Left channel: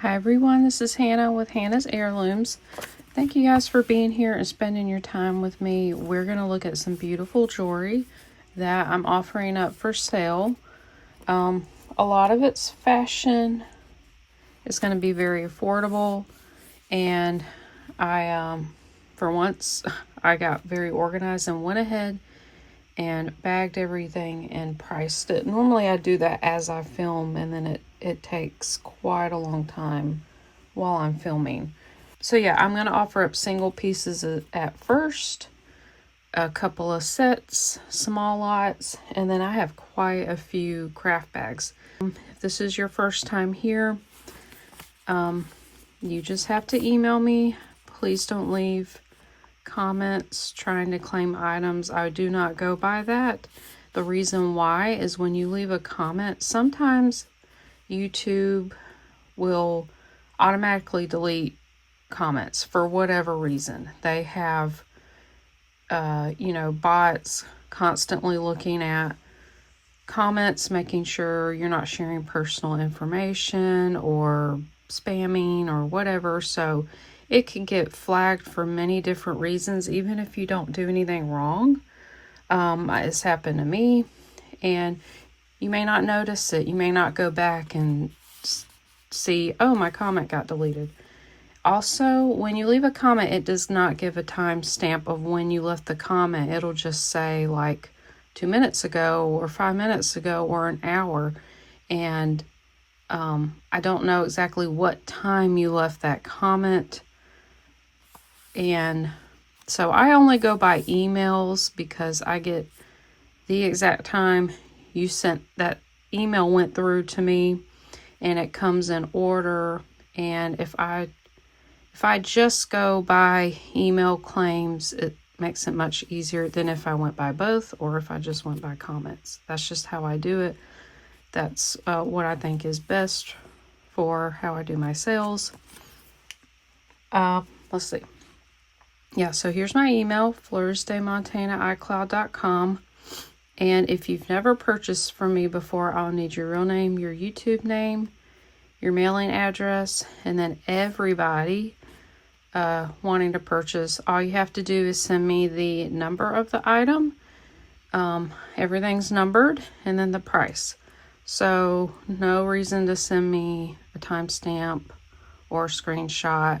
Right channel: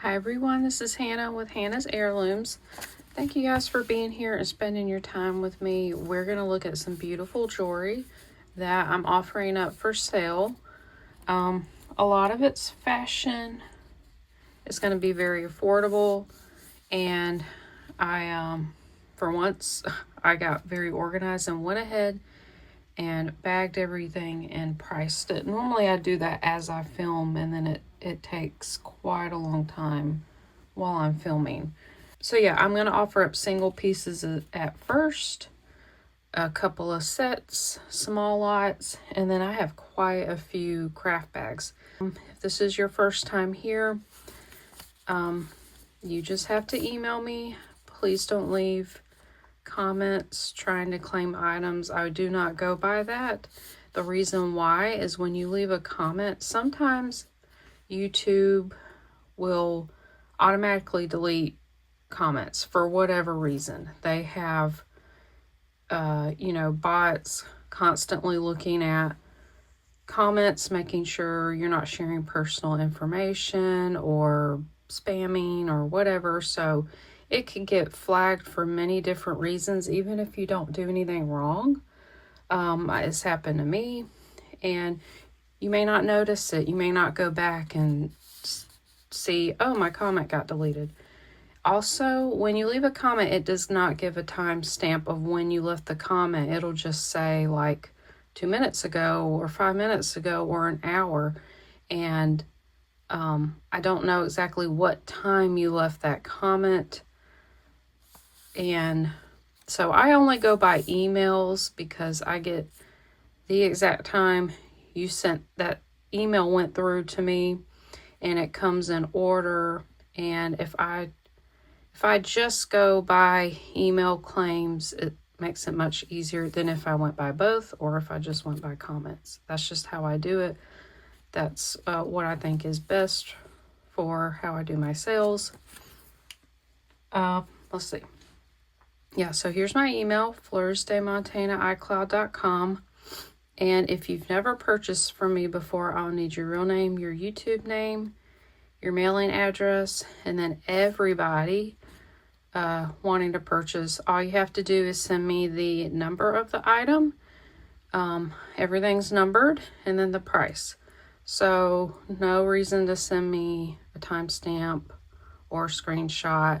Hi everyone, this is Hannah with Hannah's Heirlooms. Thank you guys for being here and spending your time with me. We're going to look at some beautiful jewelry that I'm offering up for sale. A lot of it's fashion. It's going to be very affordable, and for once, I got very organized and went ahead and bagged everything and priced it. Normally I do that as I film, and then it takes quite a long time while I'm filming. So yeah, I'm going to offer up single pieces at first, a couple of sets, small lots, and then I have quite a few craft bags. If this is your first time here, you just have to email me. Please don't leave comments trying to claim items. I do not go by that. The reason why is when you leave a comment, sometimes YouTube will automatically delete comments for whatever reason. They have bots constantly looking at comments, making sure you're not sharing personal information or spamming or whatever. So it can get flagged for many different reasons, even if you don't do anything wrong. It's happened to me, and you may not notice it. You may not go back and see, oh, my comment got deleted. Also, when you leave a comment, it does not give a timestamp of when you left the comment. It'll just say like 2 minutes ago or 5 minutes ago or an hour. And I don't know exactly what time you left that comment. And so I only go by emails because I get the exact time you sent that email went through to me, and it comes in order. And if I just go by email claims, it makes it much easier than if I went by both or if I just went by comments. That's just how I do it. That's what I think is best for how I do my sales. Let's see. Yeah, so here's my email, fleursdemontana@icloud.com. And if you've never purchased from me before, I'll need your real name, your YouTube name, your mailing address, and then everybody wanting to purchase, all you have to do is send me the number of the item. Everything's numbered, and then the price. So no reason to send me a timestamp or screenshot,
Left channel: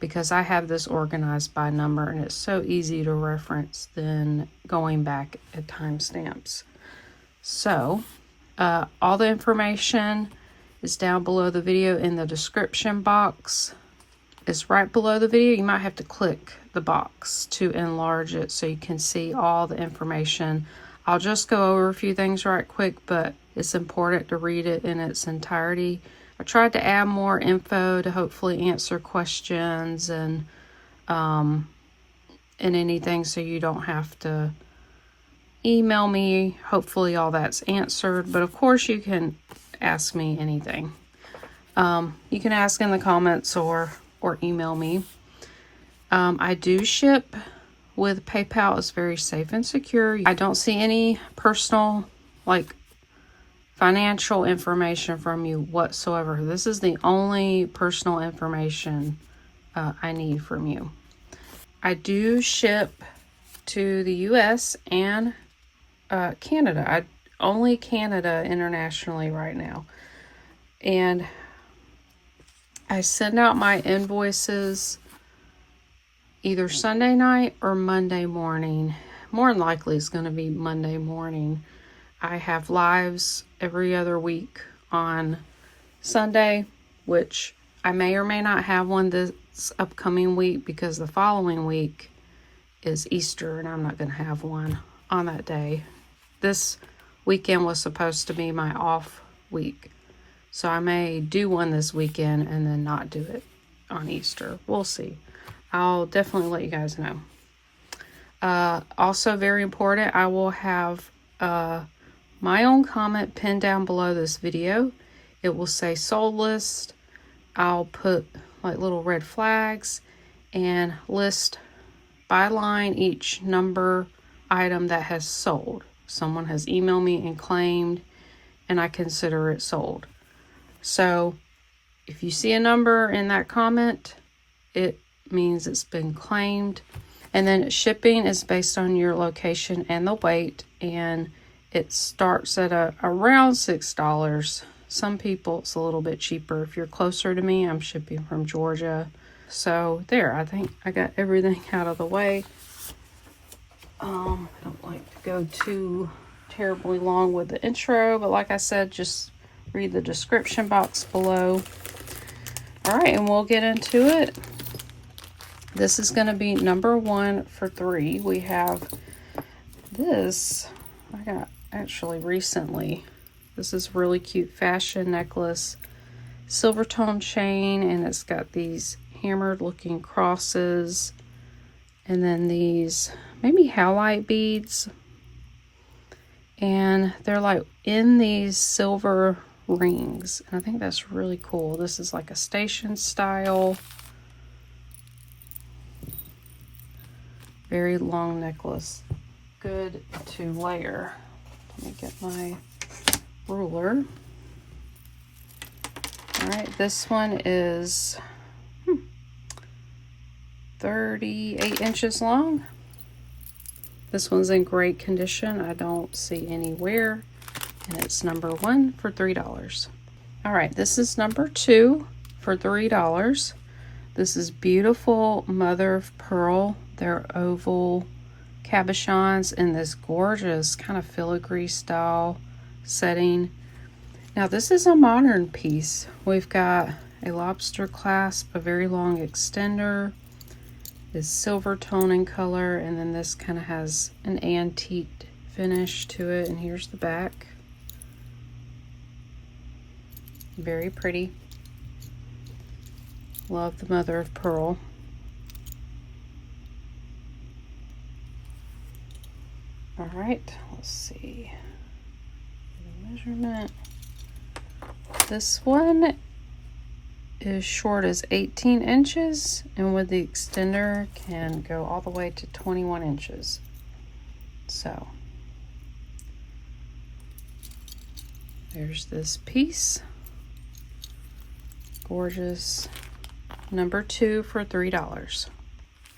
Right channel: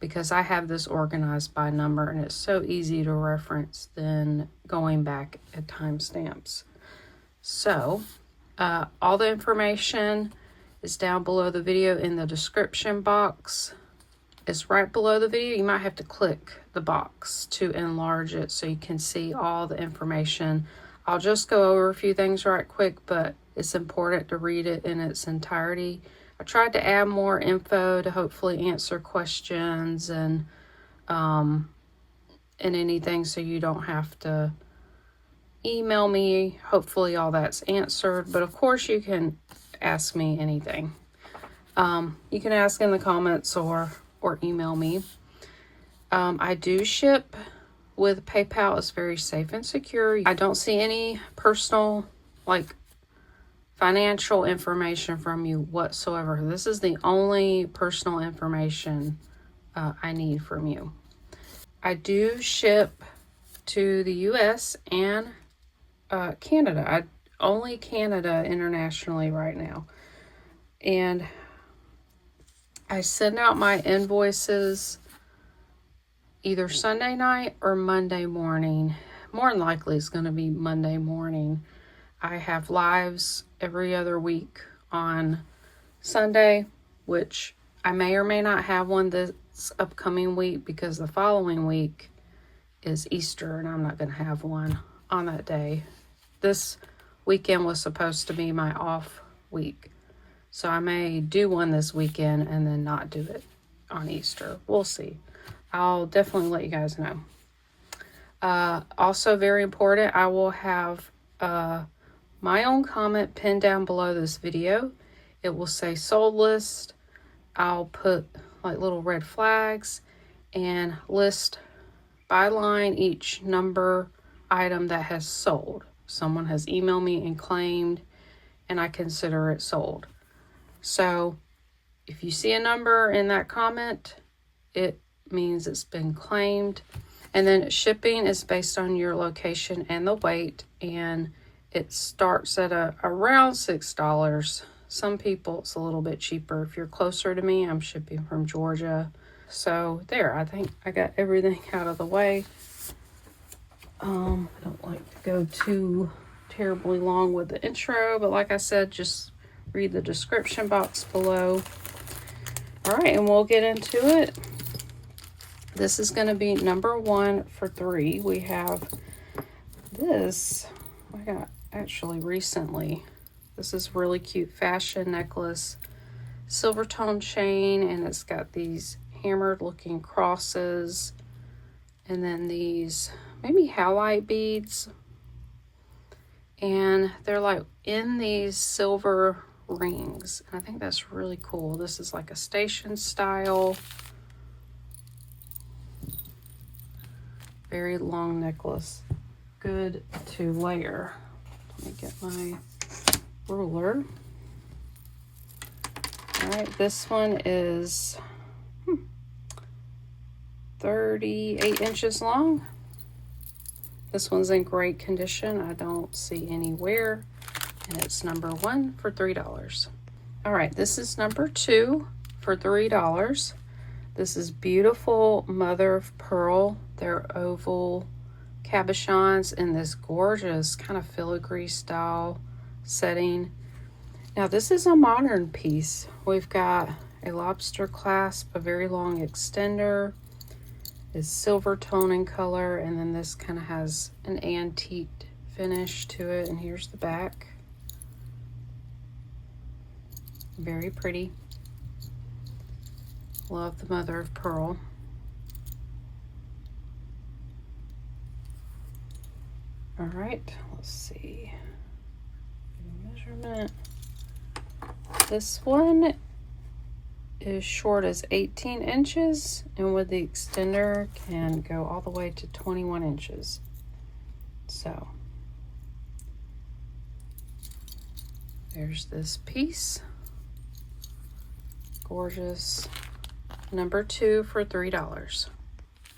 because I have this organized by number, and it's so easy to reference than going back at timestamps. So all the information is down below the video in the description box. It's right below the video. You might have to click the box to enlarge it so you can see all the information. I'll just go over a few things right quick, but it's important to read it in its entirety. I tried to add more info to hopefully answer questions and anything, so you don't have to email me. Hopefully all that's answered, but of course you can ask me anything. You can ask in the comments or email me. I do ship with PayPal. It's very safe and secure. I don't see any personal, financial information from you whatsoever. This is the only personal information I need from you. I do ship to the US and Canada. Only Canada internationally right now. And I send out my invoices either Sunday night or Monday morning. More than likely it's going to be Monday morning. I have lives every other week on Sunday, which I may or may not have one this upcoming week because the following week is Easter and I'm not going to have one on that day. This weekend was supposed to be my off week, so I may do one this weekend and then not do it on Easter. We'll see. I'll definitely let you guys know. Also very important, I will have my own comment pinned down below this video. It will say sold list. I'll put little red flags and list by line each number item that has sold. Someone has emailed me and claimed, and I consider it sold. So if you see a number in that comment, it means it's been claimed. And then shipping is based on your location and the weight, and it starts at around $6. Some people it's a little bit cheaper. If you're closer to me, I'm shipping from Georgia. So there, I think I got everything out of the way. I don't like to go too terribly long with the intro, but like I said, just read the description box below. All right, and we'll get into it. This is going to be number 1 for 3. We have this, I got actually recently. This is really cute fashion necklace, silver tone chain, and it's got these hammered looking crosses, and then these maybe halite beads, and they're like in these silver rings. And I think that's really cool. This is like a station style, very long necklace, good to layer. Let me get my ruler. All right, this one is 38 inches long. This one's in great condition. I don't see any wear, and it's number 1 for $3. All right, this is number 2 for $3. This is beautiful mother of pearl. They're oval cabochons in this gorgeous kind of filigree style setting. Now this is a modern piece. We've got a lobster clasp, a very long extender, is silver tone in color, and then this kind of has an antique finish to it. And here's the back. Very pretty. Love the mother of pearl. All right, let's see. Measurement. This one is short as 18 inches, and with the extender can go all the way to 21 inches. So there's this piece. Gorgeous. Number 2 for $3.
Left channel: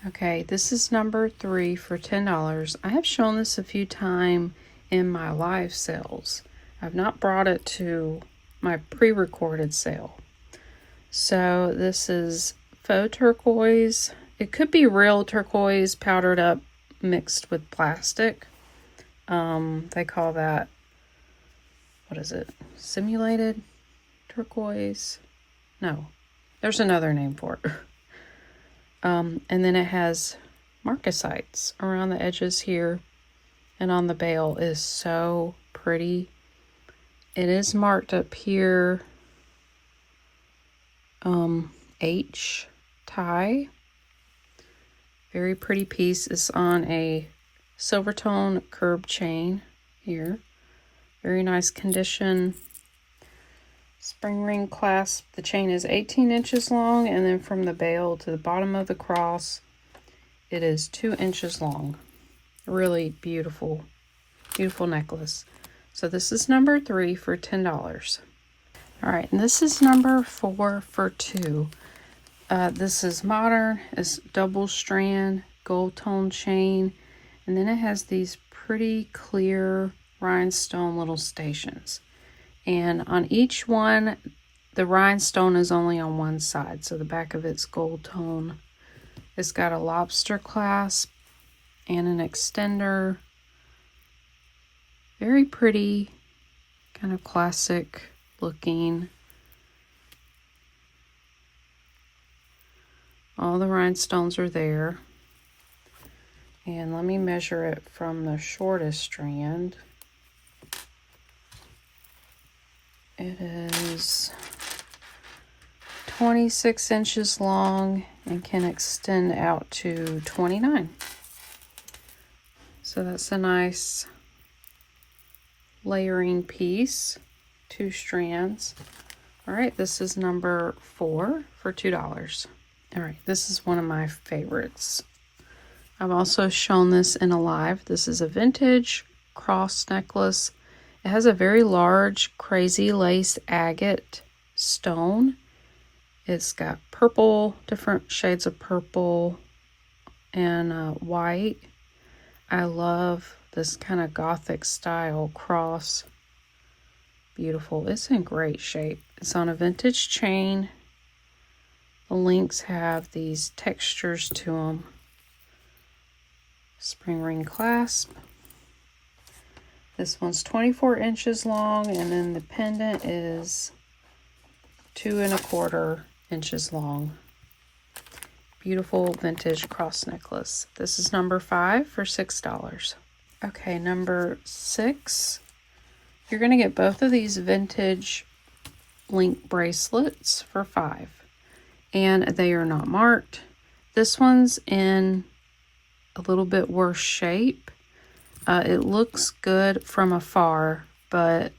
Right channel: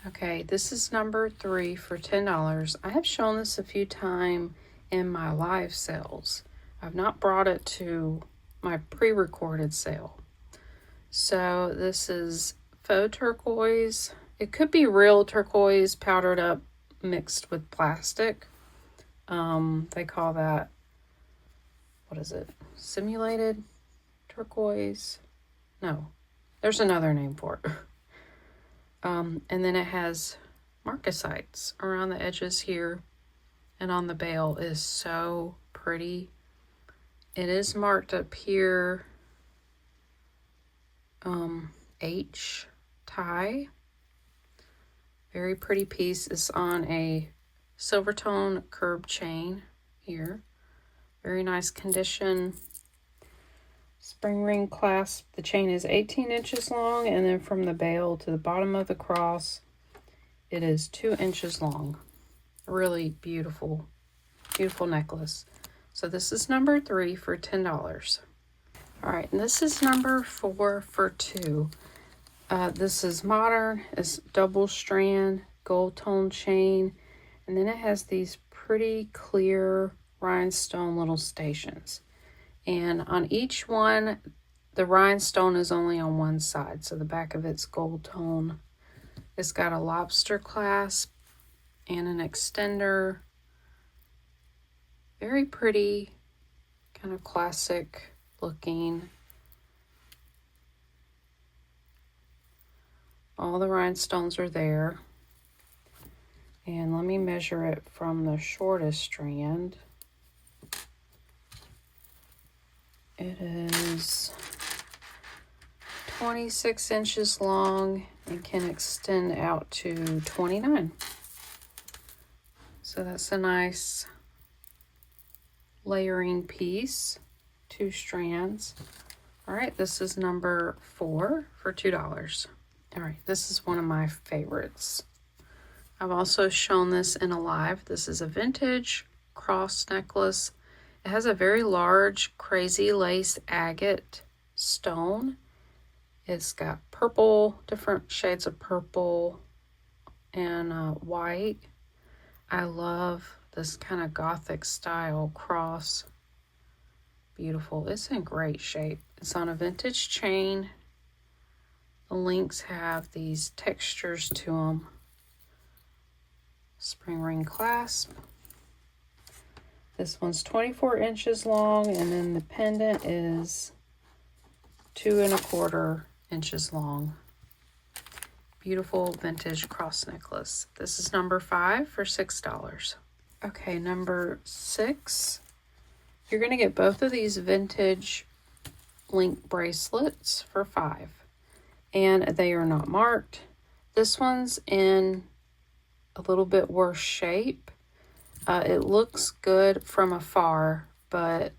Okay, this is number 3 for $10. I have shown this a few times in my live sales. I've not brought it to my pre-recorded sale. So this is faux turquoise. It could be real turquoise powdered up mixed with plastic. They call that, what is it? Simulated turquoise? No, there's another name for it. And then it has marcasites around the edges here, and on the bail is so pretty. It is marked up here H tie. Very pretty piece. It's on a silver tone curb chain here. Very nice condition. Spring ring clasp. The chain is 18 inches long, and then from the bail to the bottom of the cross, it is 2 inches long. Really beautiful, beautiful necklace. So this is number 3 for $10. All right, and this is number 4 for $2. This is modern. It's double strand gold tone chain, and then it has these pretty clear rhinestone little stations. And on each one, the rhinestone is only on one side, so the back of it's gold tone. It's got a lobster clasp and an extender. Very pretty, kind of classic looking. All the rhinestones are there. And let me measure it from the shortest strand. It is 26 inches long and can extend out to 29. So that's a nice layering piece, 2 strands. All right, this is number 4 for $2. All right, this is one of my favorites. I've also shown this in a live. This is a vintage cross necklace. It has a very large crazy lace agate stone, It's got purple, different shades of purple and white. I love this kind of gothic style cross. Beautiful. It's in great shape. It's on a vintage chain. The links have these textures to them. Spring ring clasp. This one's 24 inches long, and then the pendant is 2 1/4 inches long. Beautiful vintage cross necklace. This is number 5 for $6. Okay, number 6. You're going to get both of these vintage link bracelets for $5. And they are not marked. This one's in a little bit worse shape. It looks good from afar, but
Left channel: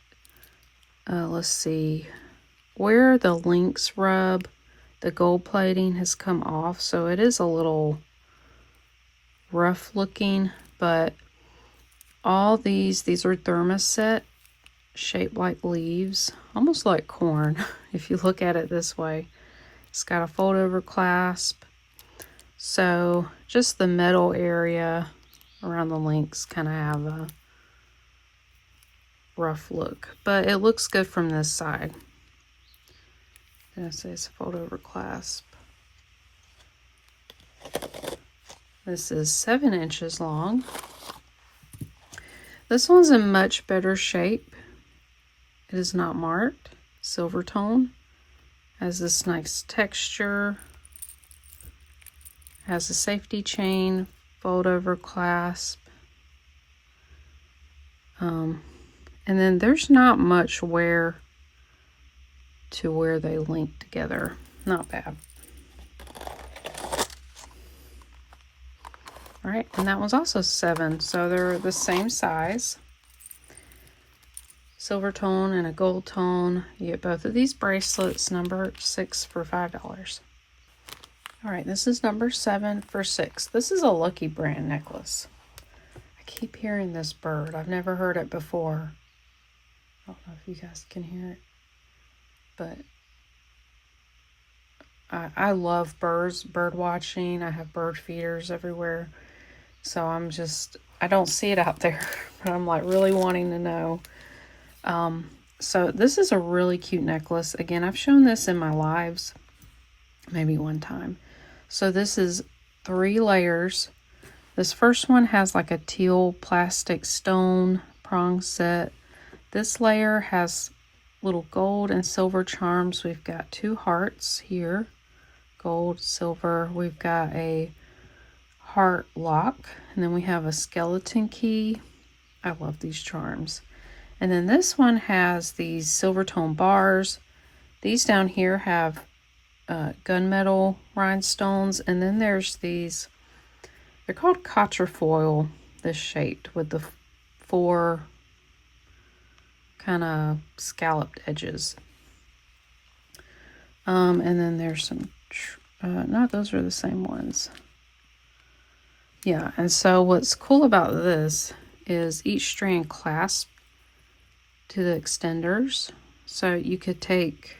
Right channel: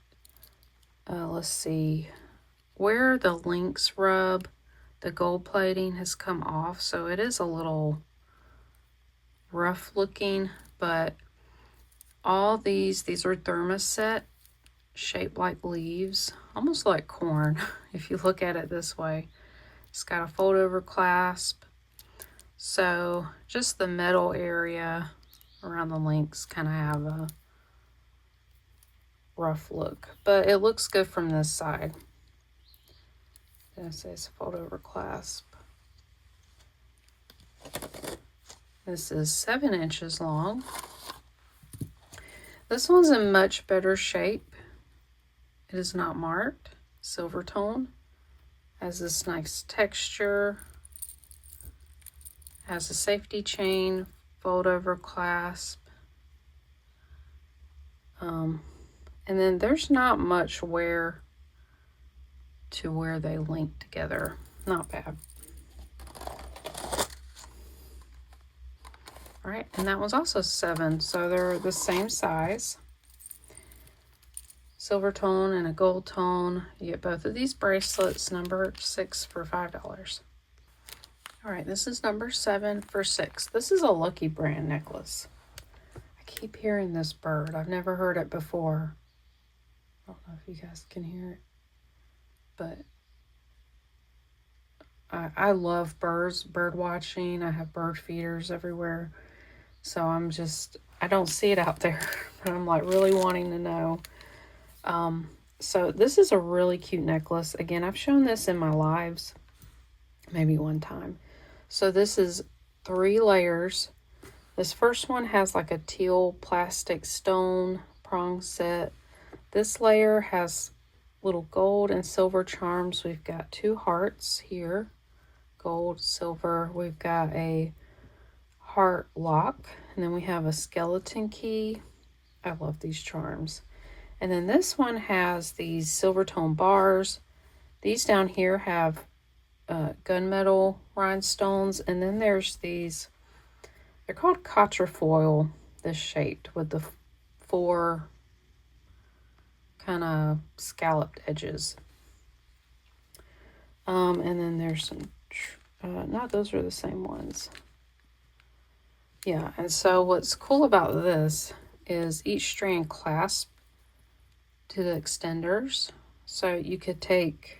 let's see. Where the links rub, the gold plating has come off, so it is a little rough looking, but all these are thermoset, shaped like leaves, almost like corn, if you look at it this way. It's got a fold over clasp, so just the metal area around the links kind of have a rough look, but it looks good from this side. And it says fold over clasp. This is 7 inches long. This one's in much better shape. It is not marked. Silver tone. Has this nice texture. It has a safety chain, fold over clasp. And then there's not much wear to where they link together. Not bad. All right, and that was also 7, so they're the same size. Silver tone and a gold tone. You get both of these bracelets, number 6 for $5. All right, this is number 7 for $6. This is a Lucky Brand necklace. I keep hearing this bird. I've never heard it before. I don't know if you guys can hear it, but I love birds, bird watching. I have bird feeders everywhere. So I don't see it out there, but I'm like really wanting to know. So this is a really cute necklace. Again, I've shown this in my lives, maybe one time. So this is 3 layers. This first one has like a teal plastic stone prong set. This layer has little gold and silver charms. We've got 2 hearts here, gold, silver. We've got a heart lock, and then we have a skeleton key. I love these charms. And then this one has these silver tone bars. These down here have gunmetal rhinestones, and then there's these, they're called quatrefoil, this shaped with the 4 kind of scalloped edges. And then there's some, no, those are the same ones. Yeah, and so what's cool about this is each strand clasps to the extenders. So you could take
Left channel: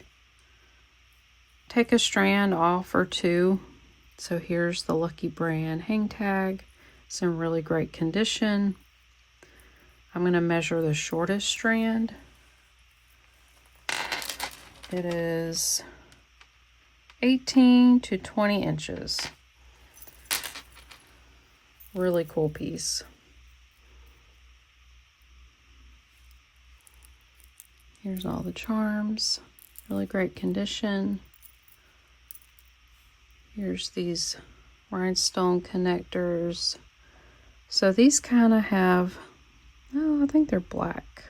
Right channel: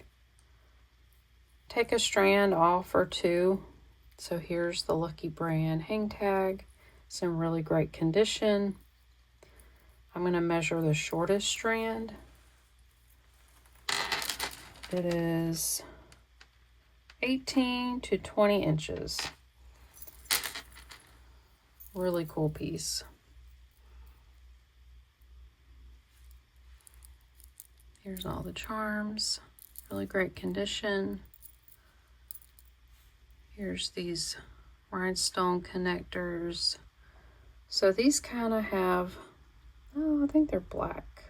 a strand off or 2. So here's the Lucky Brand hang tag. It's in really great condition. I'm going to measure the shortest strand. It is 18 to 20 inches. Really cool piece. Here's all the charms. Really great condition. Here's these rhinestone connectors. So these kind of have, oh, I think they're black.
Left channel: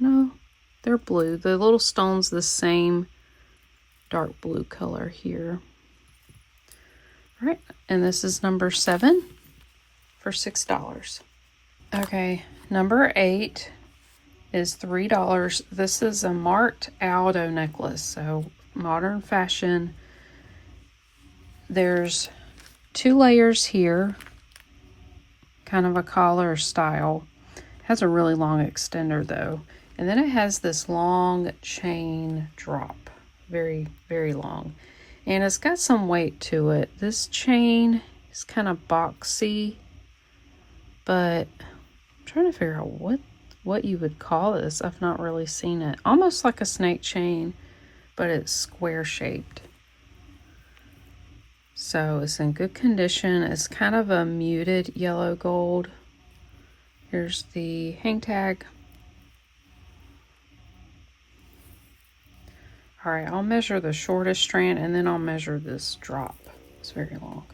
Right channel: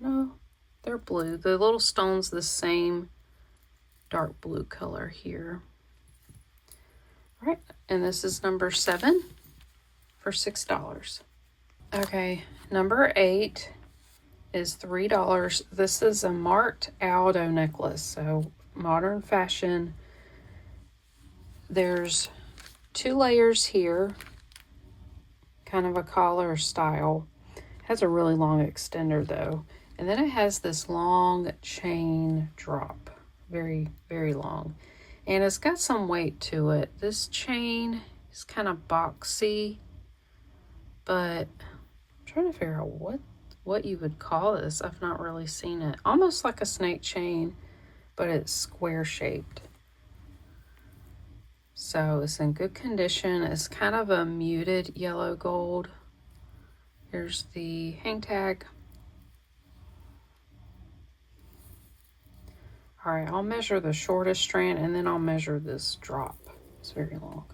No, they're blue. The little stone's the same dark blue color here. All right, and this is number 7 for $6. Okay, number 8 is $3. This is a marked Aldo necklace, so modern fashion. There's 2 layers here, kind of a collar style. Has a really long extender though. And then it has this long chain drop, very, very long. And it's got some weight to it. This chain is kind of boxy, but I'm trying to figure out what you would call this. I've not really seen it. Almost like a snake chain, but it's square shaped. So it's in good condition. It's kind of a muted yellow gold. Here's the hang tag. All right, I'll measure the shortest strand and then I'll measure this drop. It's very long.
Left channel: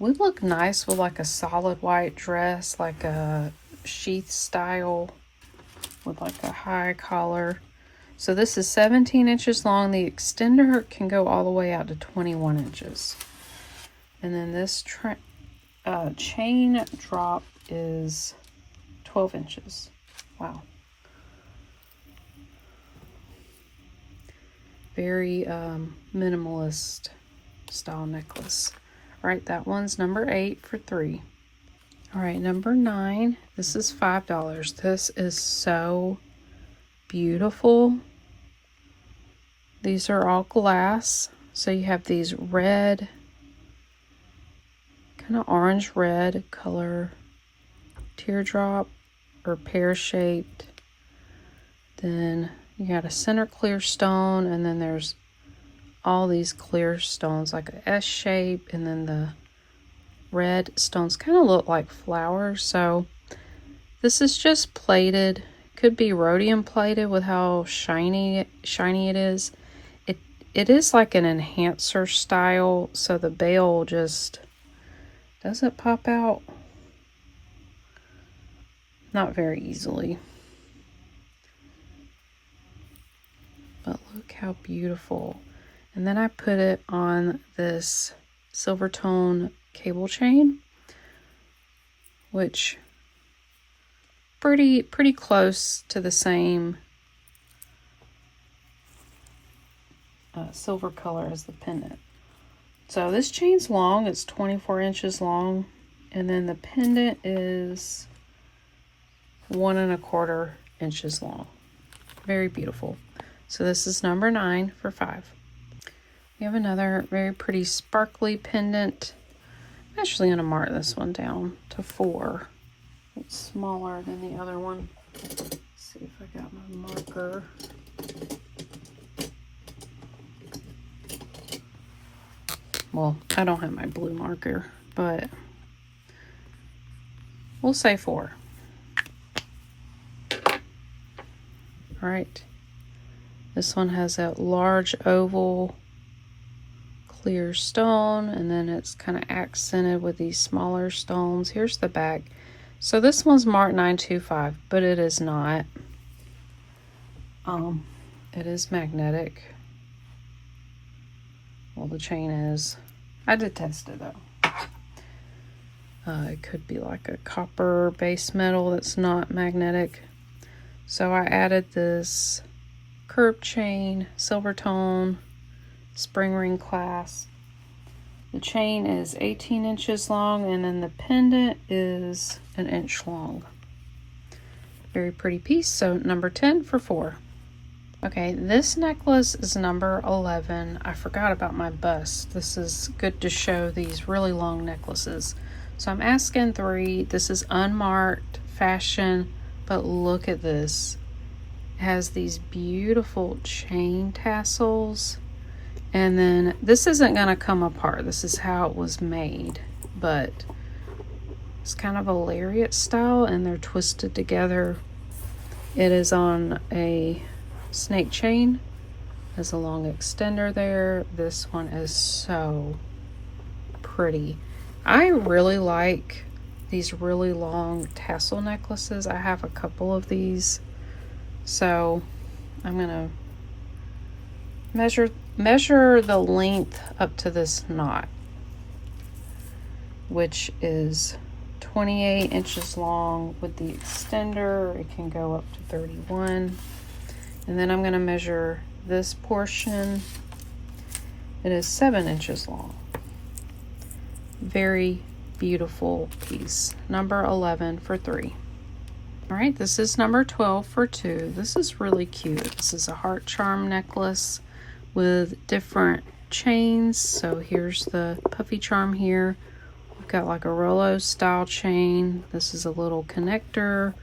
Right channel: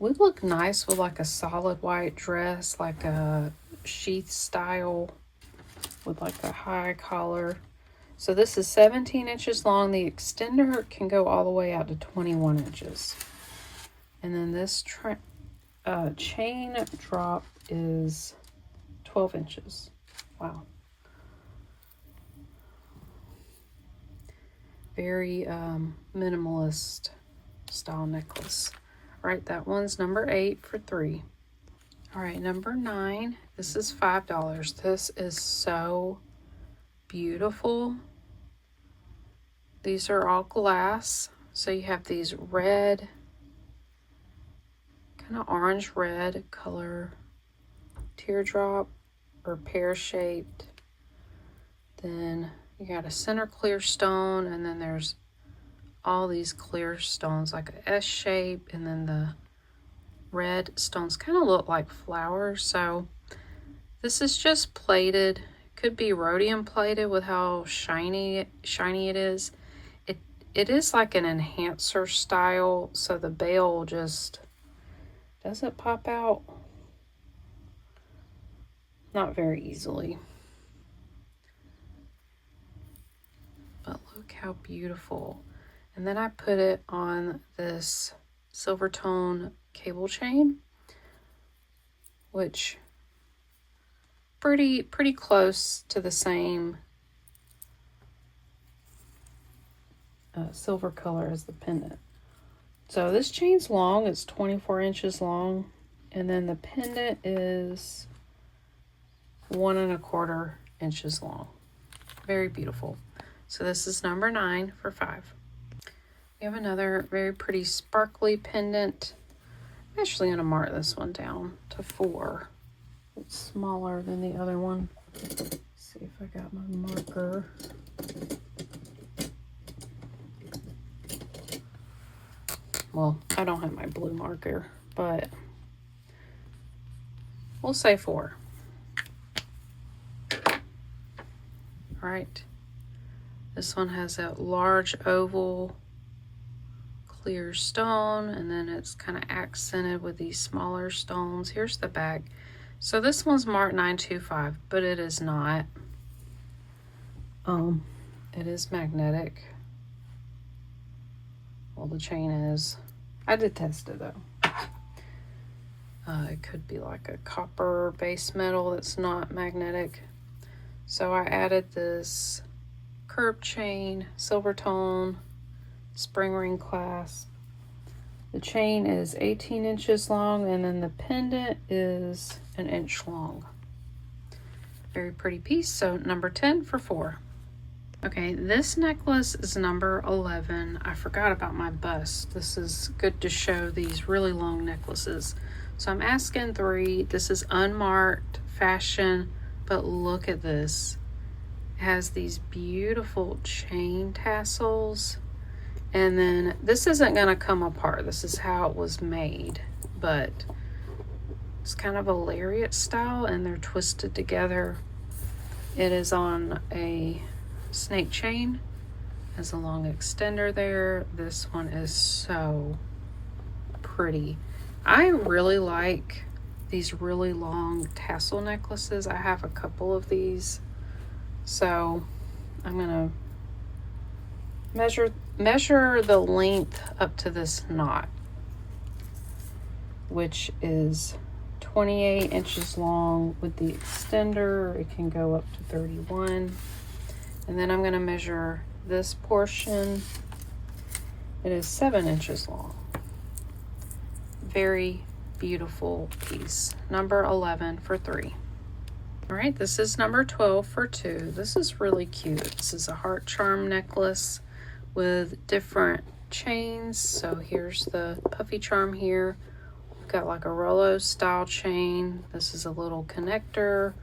Would look nice with like a solid white dress, like a sheath style with like a high collar. So this is 17 inches long. The extender can go all the way out to 21 inches. And then this chain drop is 12 inches. Wow. Very minimalist style necklace. All right, that one's number 8 for 3. All right, number 9. This is $5. This is so beautiful. These are all glass. So you have these red, kind of orange red color teardrop or pear shaped. Then you got a center clear stone, and then there's all these clear stones like an S shape, and then the red stones kind of look like flowers. So this is just plated. Could be rhodium plated with how shiny it is. It is like an enhancer style, so the bail just doesn't pop out. Not very easily. But look how beautiful. And then I put it on this silver tone cable chain, which pretty close to the same silver color as the pendant. So this chain's long, it's 24 inches long, and then the pendant is 1¼ inches long. Very beautiful. So this is number 9 for 5. We have another very pretty sparkly pendant. I'm actually going to mark this one down to 4. It's smaller than the other one. Let's see if I got my marker. Well, I don't have my blue marker, but we'll say 4. All right. This one has a large oval clear stone, and then it's kind of accented with these smaller stones. Here's the back. So this one's marked 925, but it is not. It is magnetic. Well, the chain is. I did test it though. It could be like a copper base metal that's not magnetic. So I added this curved chain, silver tone, spring ring clasp. The chain is 18 inches long, and then the pendant is 1 inch long. Very pretty piece. So number 10 for 4. Okay, this necklace is number 11. I forgot about my bust. This is good to show these really long necklaces. So I'm asking 3. This is unmarked fashion, but look at this. It has these beautiful chain tassels. And then this isn't going to come apart. This is how it was made. But it's kind of a lariat style, and they're twisted together. It is on a snake chain. Has a long extender there. This one is so pretty. I really like these really long tassel necklaces. I have a couple of these. So I'm gonna measure the length up to this knot, which is 28 inches long. With the extender, it can go up to 31. And then I'm going to measure this portion. It is 7 inches long. Very, beautiful piece. Number 11 for 3. All right, this is number 12 for 2. This is really cute. This is a heart charm necklace with different chains. So here's the puffy charm here. We've got like a Rolo style chain. This is a little connector.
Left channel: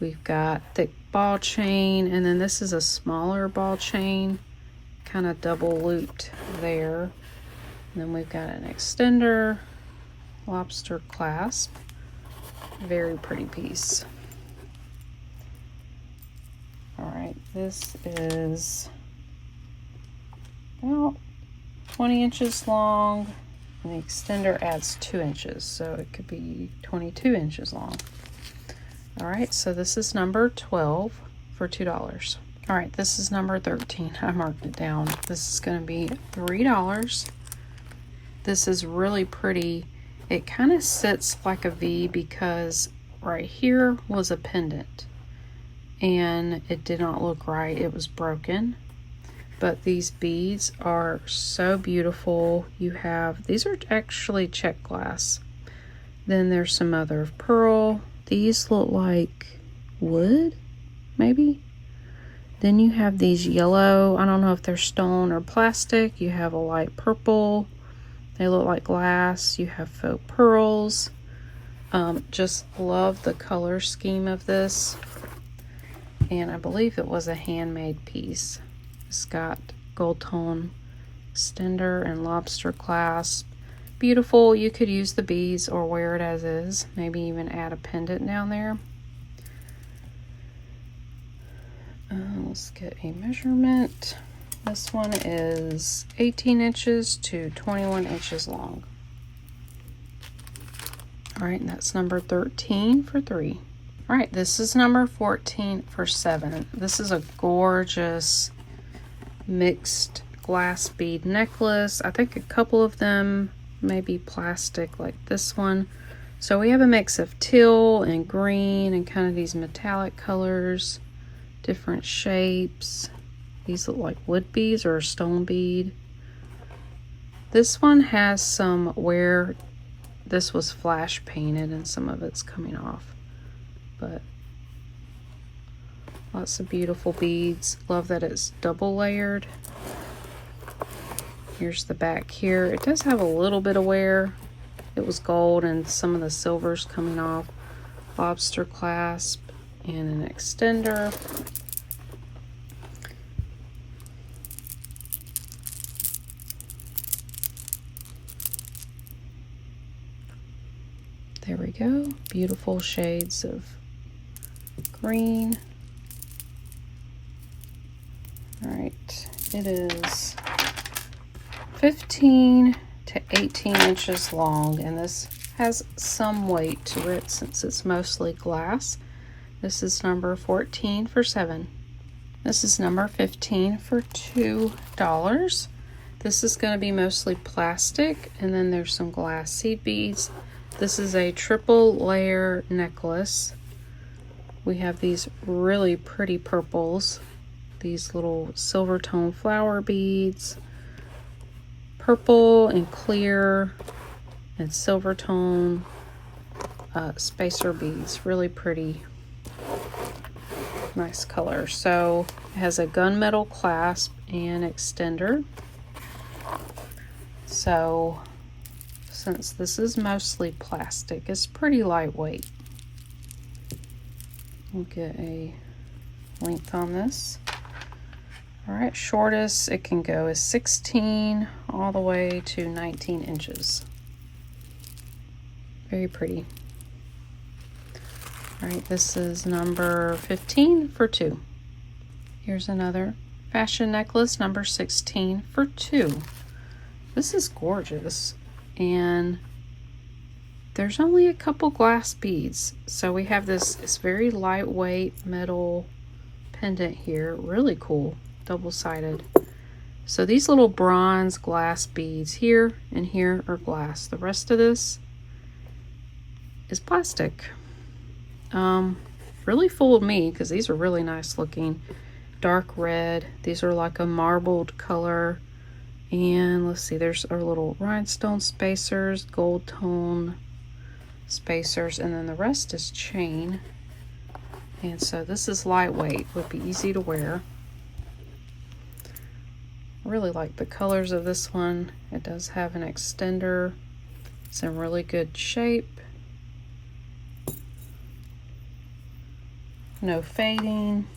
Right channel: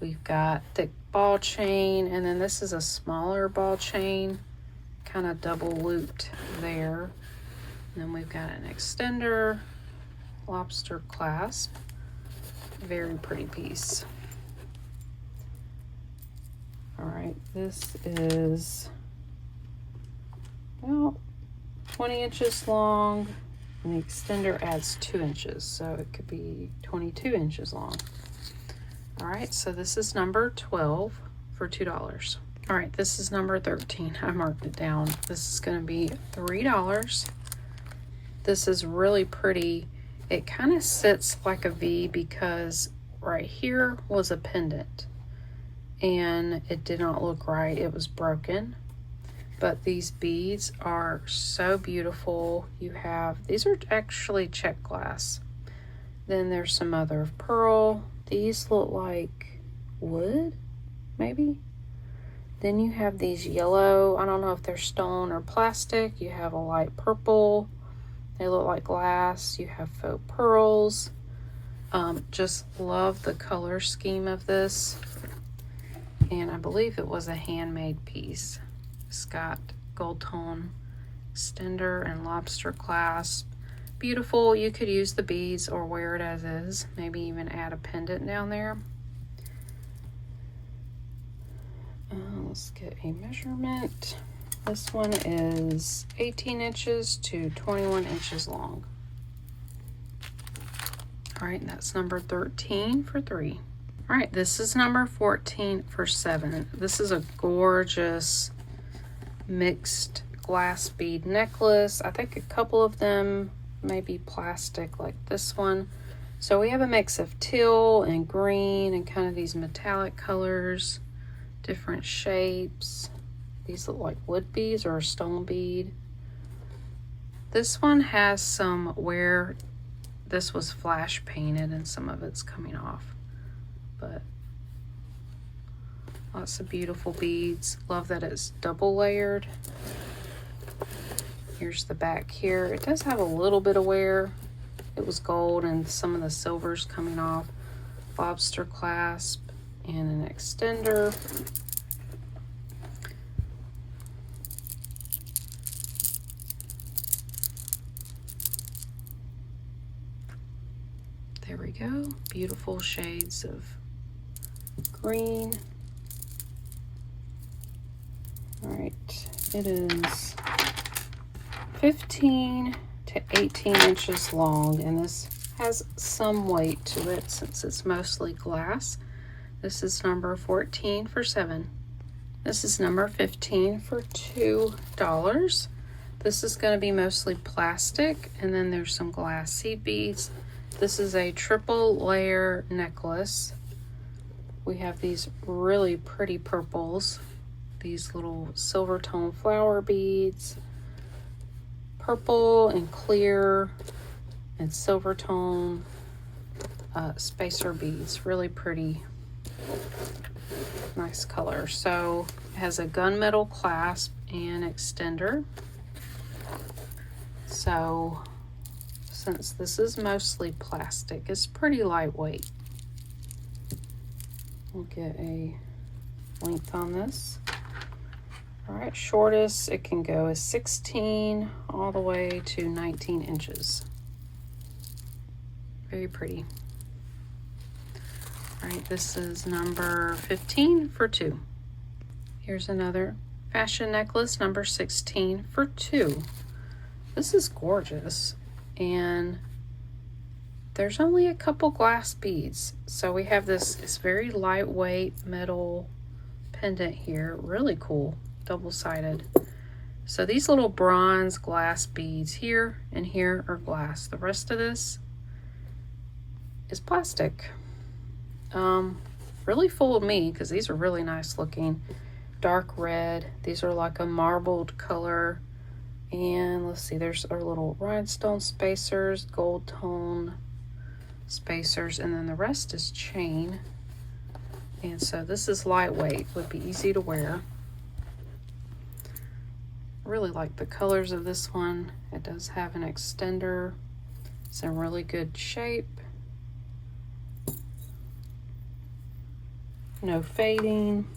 We've got thick ball chain, and then this is a smaller ball chain, kind of double looped there. And then we've got an extender, lobster clasp. Very pretty piece. All right, this is about 20 inches long, and the extender adds 2 inches, so it could be 22 inches long. All right, so this is number 12 for $2. All right, this is number 13. I marked it down. This is going to be $3. This is really pretty. It kind of sits like a V because right here was a pendant, and it did not look right. It was broken. But these beads are so beautiful. You have, these are actually check glass. Then there's some mother of pearl. These look like wood, maybe. Then you have these yellow, I don't know if they're stone or plastic. You have a light purple. They look like glass. You have faux pearls. Just love the color scheme of this. And I believe it was a handmade piece. It's got gold tone extender and lobster clasp. Beautiful. You could use the beads or wear it as is. Maybe even add a pendant down there. Let's get a measurement. This one is 18 inches to 21 inches long. All right, and that's number 13 for 3. All right, this is number 14 for 7. This is a gorgeous mixed glass bead necklace. I think a couple of them may be plastic like this one. So we have a mix of teal and green and kind of these metallic colors, different shapes. These look like wood beads or a stone bead. This one has some where this was flash painted and some of it's coming off. But lots of beautiful beads. Love that it's double layered. Here's the back here. It does have a little bit of wear. It was gold and some of the silver's coming off. Lobster clasp and an extender. There we go. Beautiful shades of green. All right, it is 15 to 18 inches long, and this has some weight to it since it's mostly glass. This is number 14 for 7. This is number 15 for $2. This is going to be mostly plastic, and then there's some glass seed beads. This is a triple layer necklace. We have these really pretty purples, these little silver tone flower beads, purple and clear and silver tone spacer beads. Really pretty, nice color. So it has a gunmetal clasp and extender. So since this is mostly plastic, it's pretty lightweight. We'll get a length on this. All right, shortest it can go is 16 all the way to 19 inches. Very pretty. All right, this is number 15 for 2. Here's another fashion necklace, number 16 for 2. This is gorgeous, and there's only a couple glass beads. So we have this very lightweight metal pendant here. Really cool, double-sided. So these little bronze glass beads here and here are glass. The rest of this is plastic. Really fooled me because these are really nice looking. Dark red. These are like a marbled color. And let's see, there's our little rhinestone spacers, gold tone spacers, and then the rest is chain. And so this is lightweight, will be easy to wear. I really like the colors of this one. It does have an extender. It's in really good shape. No fading.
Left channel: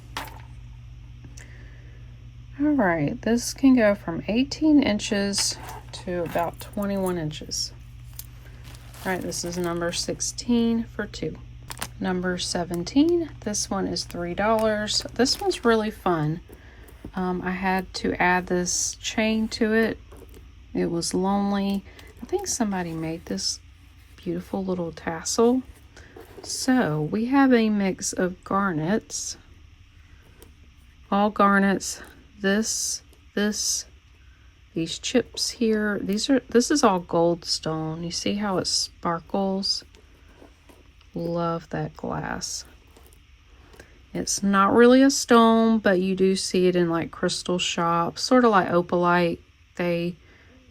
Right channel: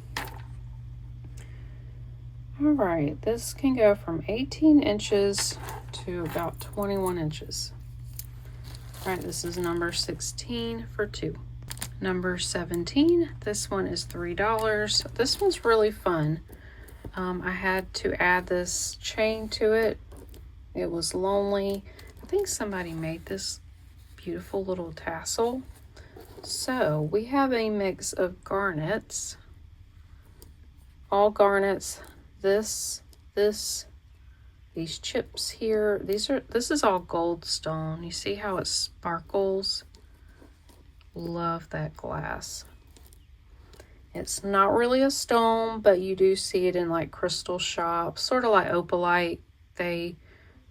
All right, this can go from 18 inches to about 21 inches. All right, this is number 16 for 2. Number 17, this one is $3. This one's really fun. I had to add this chain to it. It was lonely. I think somebody made this beautiful little tassel. So we have a mix of garnets, all garnets. This, these chips here. This is all gold stone. You see how it sparkles? Love that glass. It's not really a stone, but you do see it in like crystal shops, sort of like opalite. They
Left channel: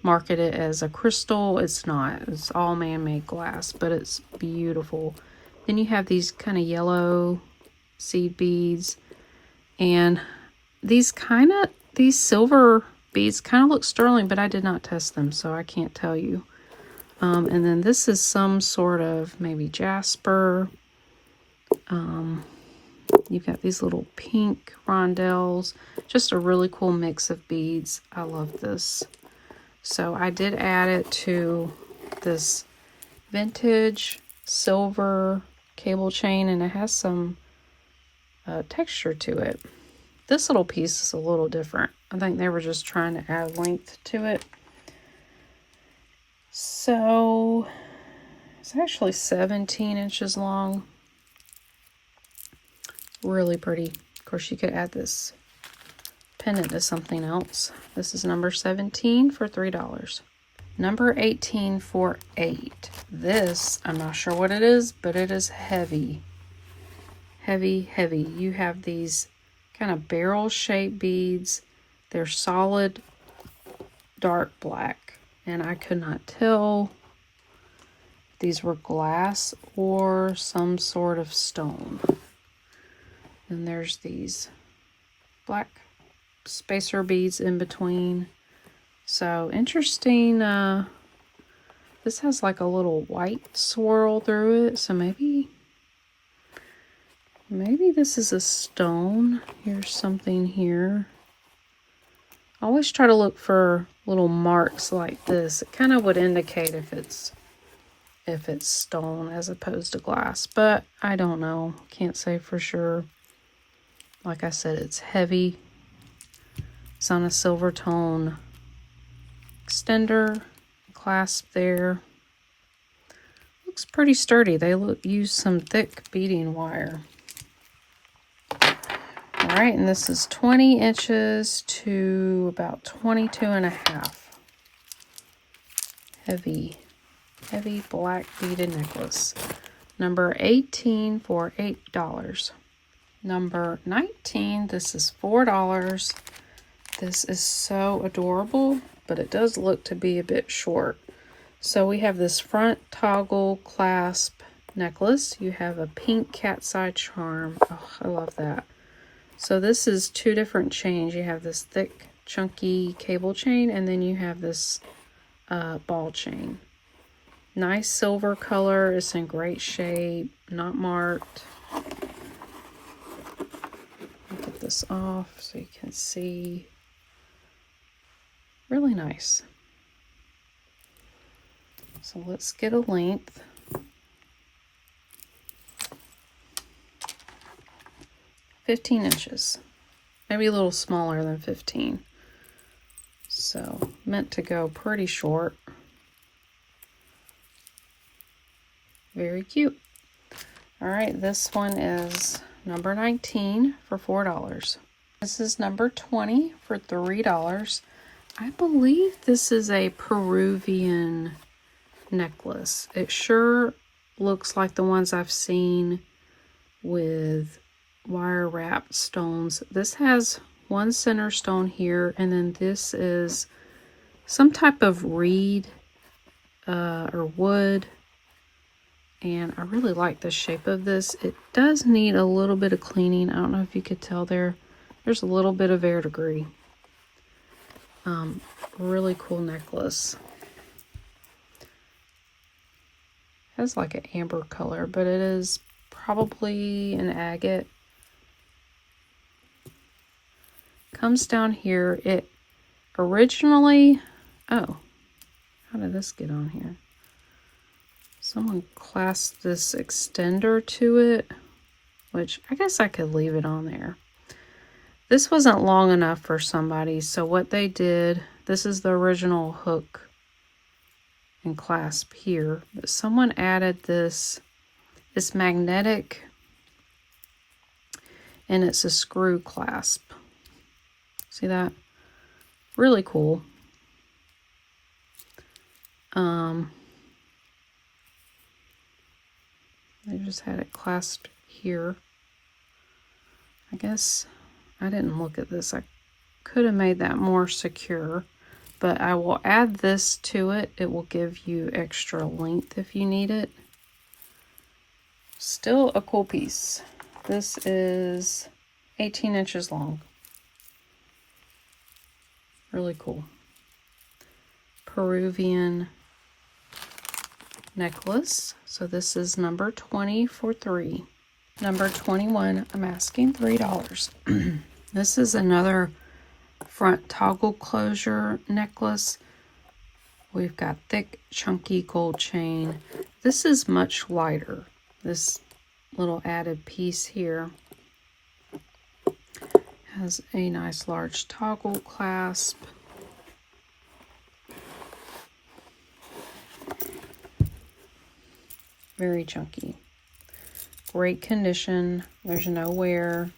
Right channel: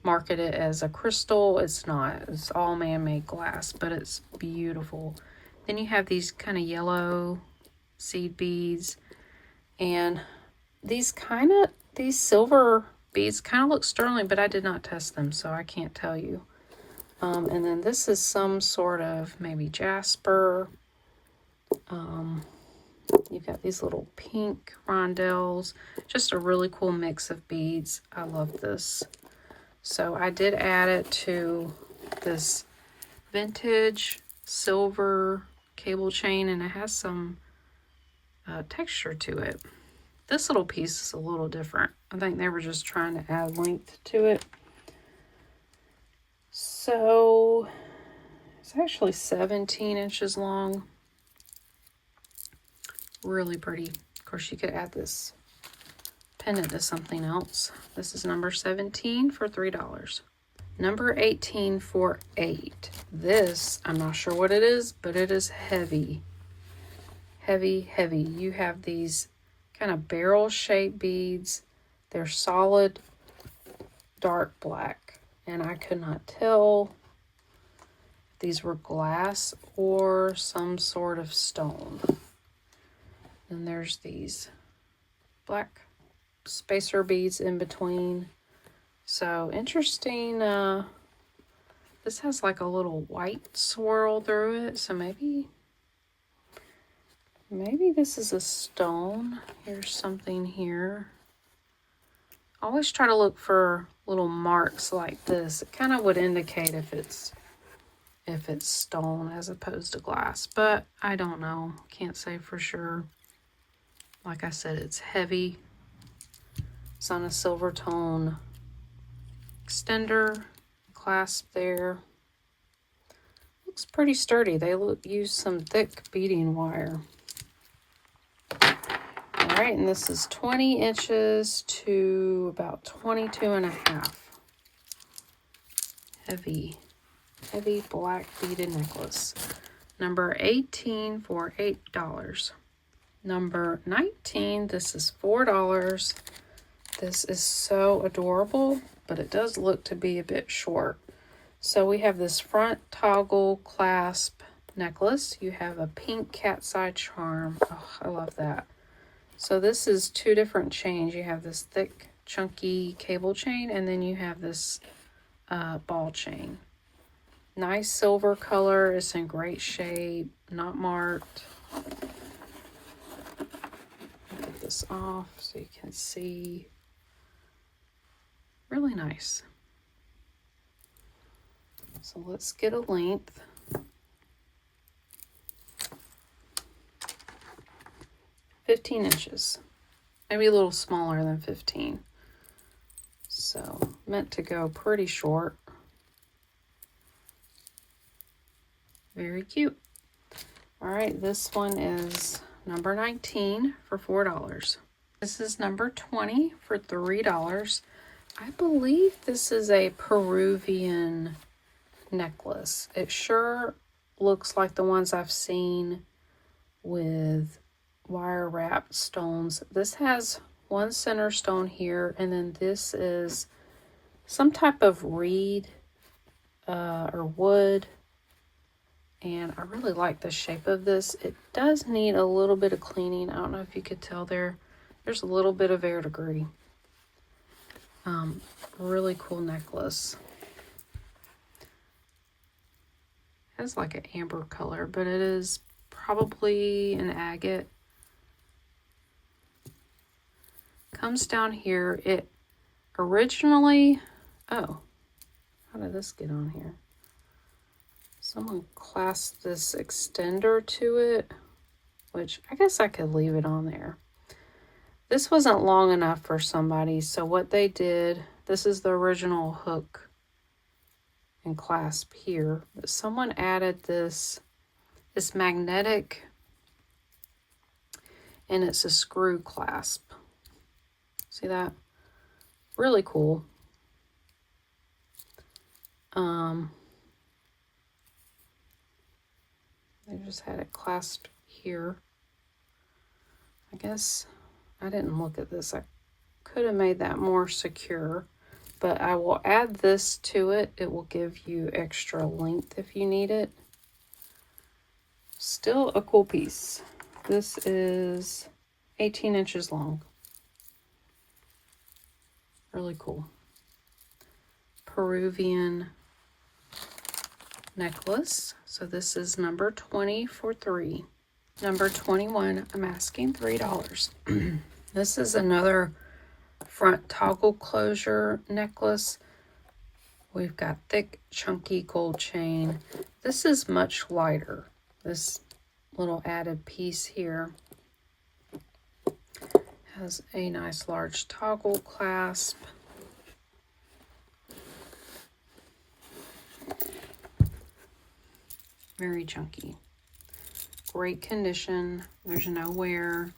market it as a crystal. It's not. It's all man-made glass, but it's beautiful. Then you have these kind of yellow seed beads, and these silver beads kind of look sterling, but I did not test them, so I can't tell you. And then this is some sort of maybe jasper. You've got these little pink rondelles. Just a really cool mix of beads. I love this. So I did add it to this vintage silver cable chain, and it has some texture to it. This little piece is a little different. I think they were just trying to add length to it. So it's actually 17 inches long. Really pretty. Of course, you could add this pendant to something else. This is number 17 for $3. Number 18 for $8. This, I'm not sure what it is, but it is heavy. Heavy, heavy. You have these kind of barrel-shaped beads. They're solid dark black, and I could not tell if these were glass or some sort of stone. And there's these black spacer beads in between. So interesting. This has like a little white swirl through it, so maybe this is a stone. Here's something here. I always try to look for little marks like this. It kind of would indicate if it's stone as opposed to glass, but I don't know. Can't say for sure. Like I said, it's heavy. It's on a silver tone extender, clasp there. Looks pretty sturdy. They use some thick beading wire. All right, and this is 20 inches to about 22 and a half. Heavy, heavy black beaded necklace. Number 18 for $8. Number 19, this is $4. This is so adorable, but it does look to be a bit short. So we have this front toggle clasp necklace. You have a pink cat's eye charm. Oh, I love that. So this is 2 different chains. You have this thick, chunky cable chain, and then you have this ball chain. Nice silver color. It's in great shape, not marked. Get this off so you can see. Really nice. So let's get a length. 15 inches. Maybe a little smaller than 15. So meant to go pretty short. Very cute. All right, this one is number 19 for $4. This is number 20 for $3. I believe this is a Peruvian necklace. It sure looks like the ones I've seen with wire wrapped stones. This has one center stone here, and then this is some type of reed or wood. And I really like the shape of this. It does need a little bit of cleaning. I don't know if you could tell there's a little bit of verdigris. Really cool necklace. Has like an amber color, but it is probably an agate. Comes down here. It originally, oh, how did this get on here? Someone clasped this extender to it, which I guess I could leave it on there. This wasn't long enough for somebody, so what they did, this is the original hook and clasp here, but someone added this. It's magnetic, and it's a screw clasp. See that? Really cool. They just had it clasped here. I guess I didn't look at this. I could have made that more secure, but I will add this to it. It will give you extra length if you need it. Still a cool piece. This is 18 inches long. Really cool. Peruvian necklace. So this is number 20 for $3. Number 21, I'm asking $3. This is another front toggle closure necklace. We've got thick, chunky gold chain. This is much lighter. This little added piece here has a nice large toggle clasp. Very chunky. Great condition. There's no wear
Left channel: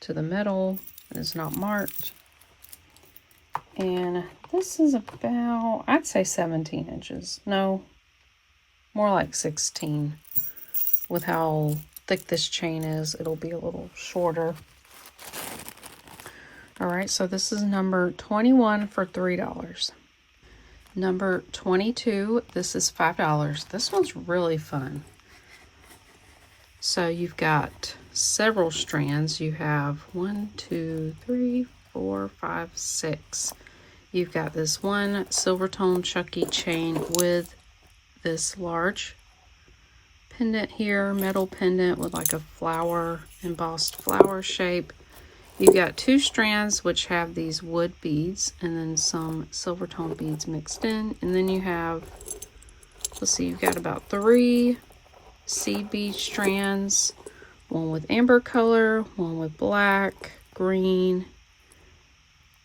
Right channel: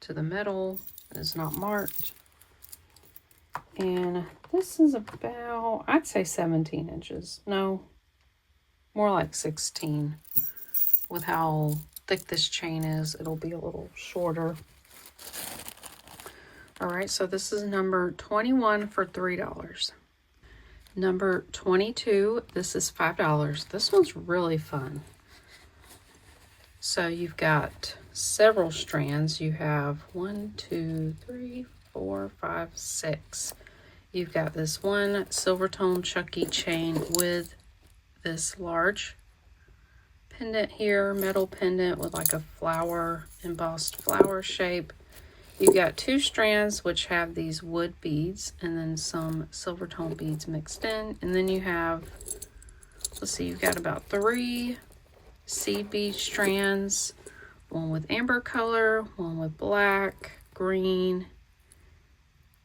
to the metal. It is not marked. And this is about, I'd say 17 inches. No, more like 16. With how thick this chain is, it'll be a little shorter. All right, so this is number 21 for $3. Number 22, this is $5. This one's really fun. So you've got several strands. You have 1, 2, 3, 4, 5, 6. You've got this one silver tone chunky chain with this large pendant here, metal pendant with like a flower, embossed flower shape. You've got 2 strands which have these wood beads and then some silver tone beads mixed in. And then you have, let's see, you've got about 3 seed bead strands, one with amber color, one with black, green.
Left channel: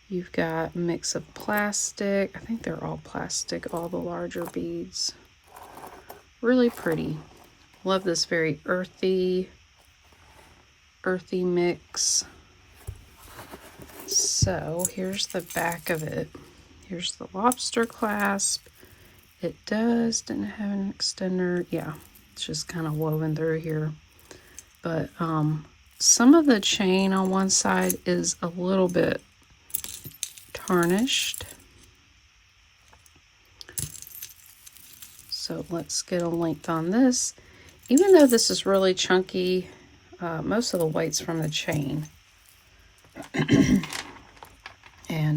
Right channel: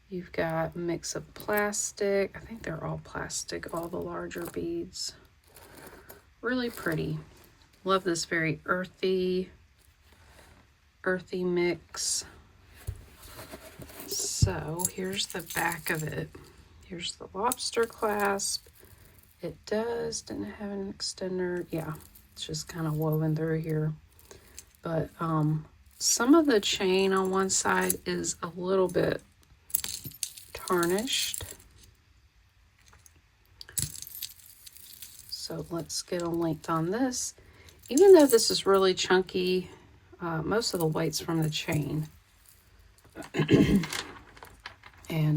You've got a mix of plastic. I think they're all plastic, all the larger beads. Really pretty. Love this very earthy mix. So here's the back of it. Here's the lobster clasp. It didn't have an extender. Yeah, it's just kind of woven through here. But some of the chain on one side is a little bit tarnished. So let's get a length on this. Even though this is really chunky, most of the weight's from the chain. And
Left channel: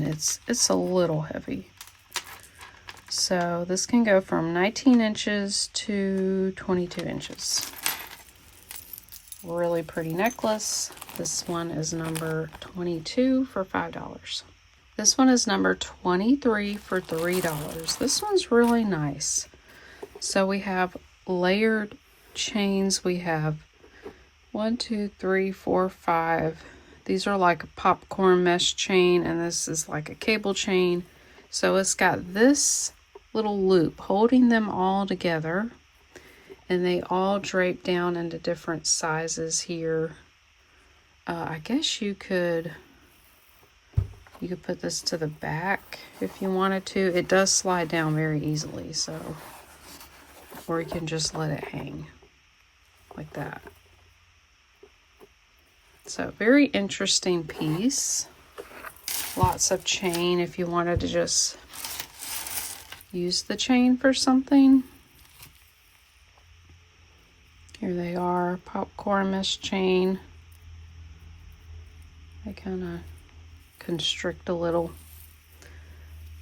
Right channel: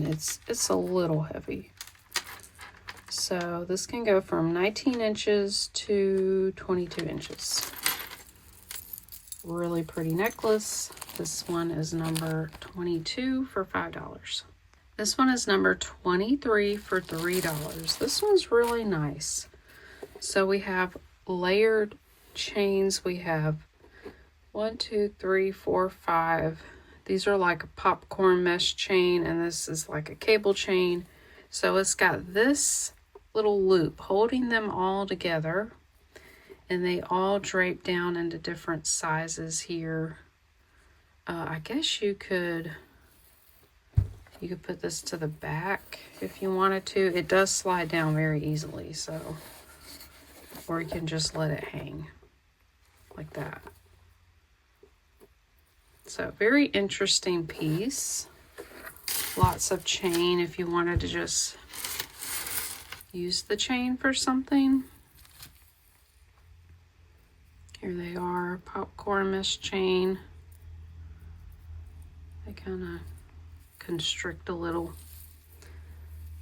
it's a little heavy. So this can go from 19 inches to 22 inches. Really pretty necklace. This one is number 22 for $5. This one is number 23 for $3. This one's really nice. So we have layered chains. We have 1, 2, 3, 4, 5. These are like a popcorn mesh chain, and this is like a cable chain. So it's got this little loop holding them all together, and they all drape down into different sizes here. I guess you could put this to the back if you wanted to. It does slide down very easily, so, or you can just let it hang like that. So very interesting piece. Lots of chain if you wanted to just use the chain for something. Here they are, popcorn mesh chain. They kind of constrict a little.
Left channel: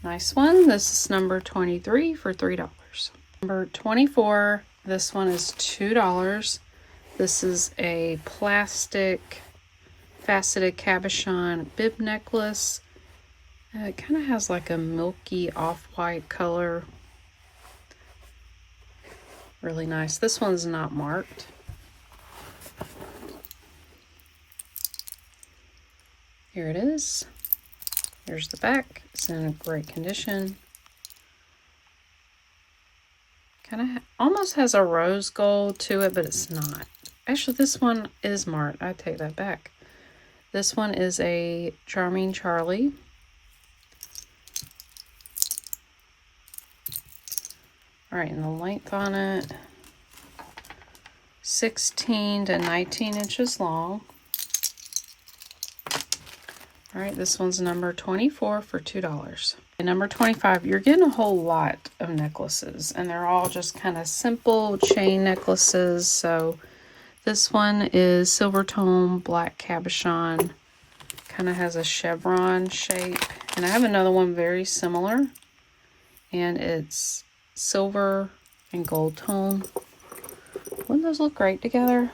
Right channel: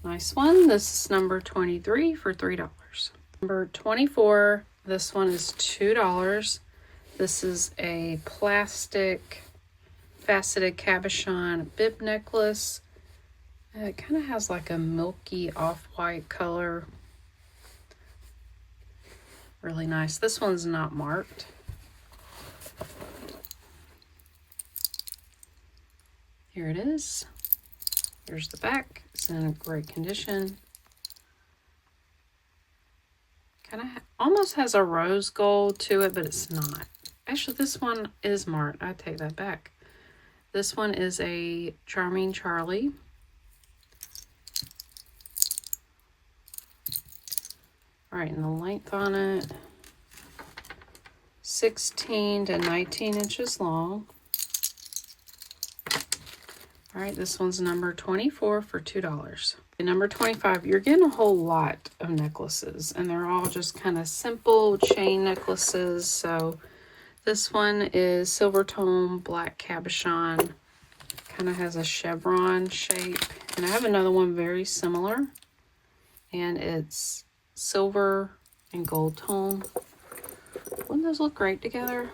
Nice one. This is number 23 for $3. Number 24, this one is $2. This is a plastic faceted cabochon bib necklace. It kind of has like a milky off-white color. Really nice. This one's not marked. Here it is. Here's the back. It's in great condition. Kind of almost has a rose gold to it, but it's not. Actually, this one is marked. I take that back. This one is a Charming Charlie. All right, and the length on it, 16 to 19 inches long. All right, this one's number 24 for $2. And number 25, you're getting a whole lot of necklaces, and they're all just kind of simple chain necklaces. So this one is silver tone black cabochon, kind of has a chevron shape. And I have another one very similar, and it's silver and gold tone. Wouldn't those look great together?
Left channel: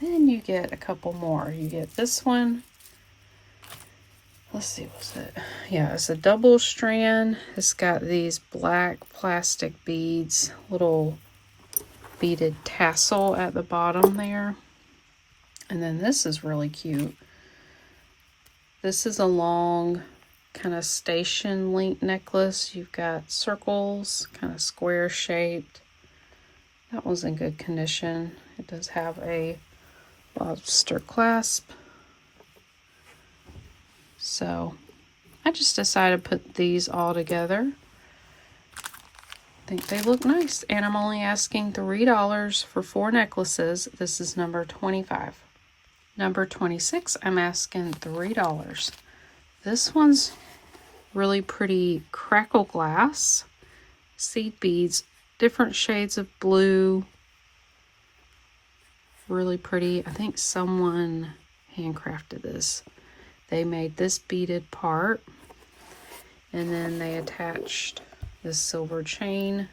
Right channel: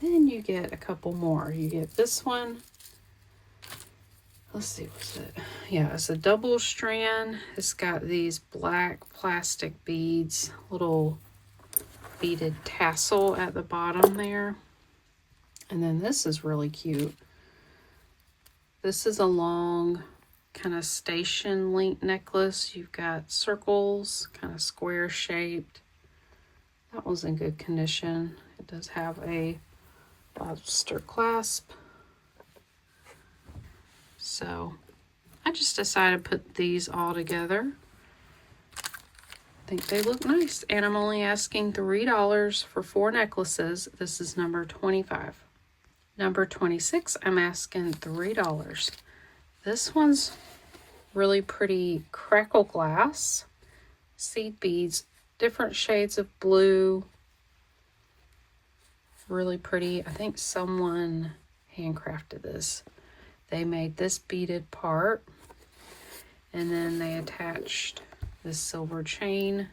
Then you get a couple more. You get this one. Let's see, what's it? Yeah, it's a double strand. It's got these black plastic beads, little beaded tassel at the bottom there. And then this is really cute. This is a long kind of station link necklace. You've got circles, kind of square shaped. That one's in good condition. It does have a lobster clasp. So I just decided to put these all together. I think they look nice, and I'm only asking $3 for 4 necklaces. This is number 25. Number 26, I'm asking $3. This one's really pretty crackle glass, seed beads, different shades of blue. Really pretty. I think someone handcrafted this. They made this beaded part, and then they attached this silver chain,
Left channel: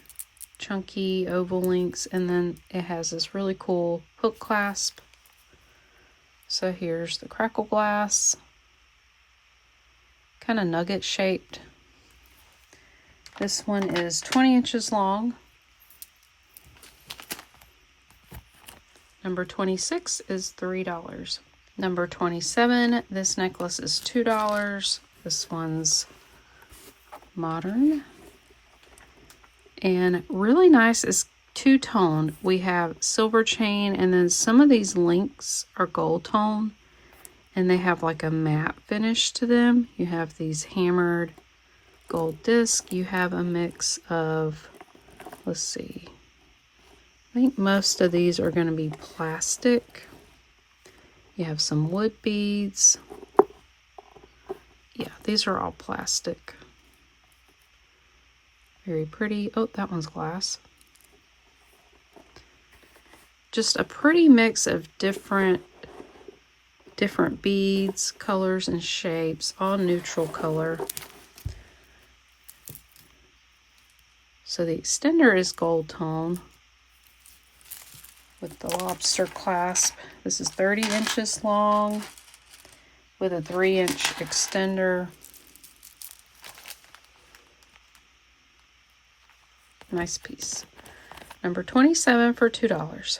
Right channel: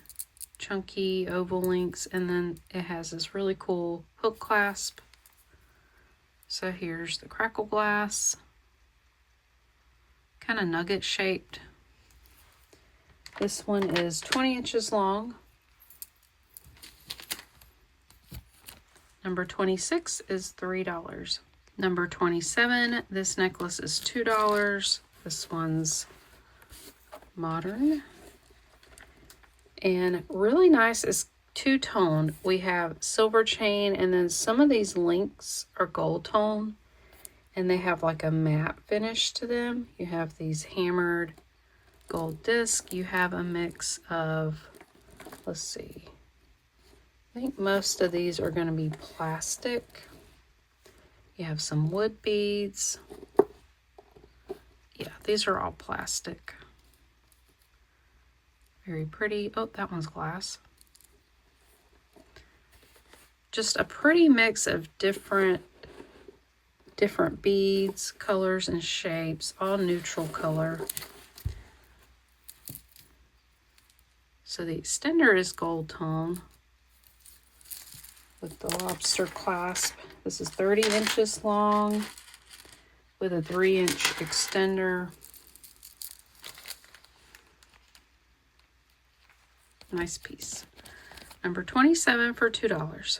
chunky oval links, and then it has this really cool hook clasp. So here's the crackle glass, kind of nugget shaped. This one is 20 inches long. Number 26 is $3. Number 27, this necklace is $2. This one's modern. And really nice, is two-tone. We have silver chain, and then some of these links are gold tone, and they have like a matte finish to them. You have these hammered gold disc. You have a mix of, let's see, I think most of these are going to be plastic. You have some wood beads. Yeah, these are all plastic. Very pretty. Oh, that one's glass. Just a pretty mix of different beads, colors, and shapes, all neutral color. So the extender is gold tone with the lobster clasp. This is 30 inches long with a 3-inch extender. Nice piece. Number 27 for $2.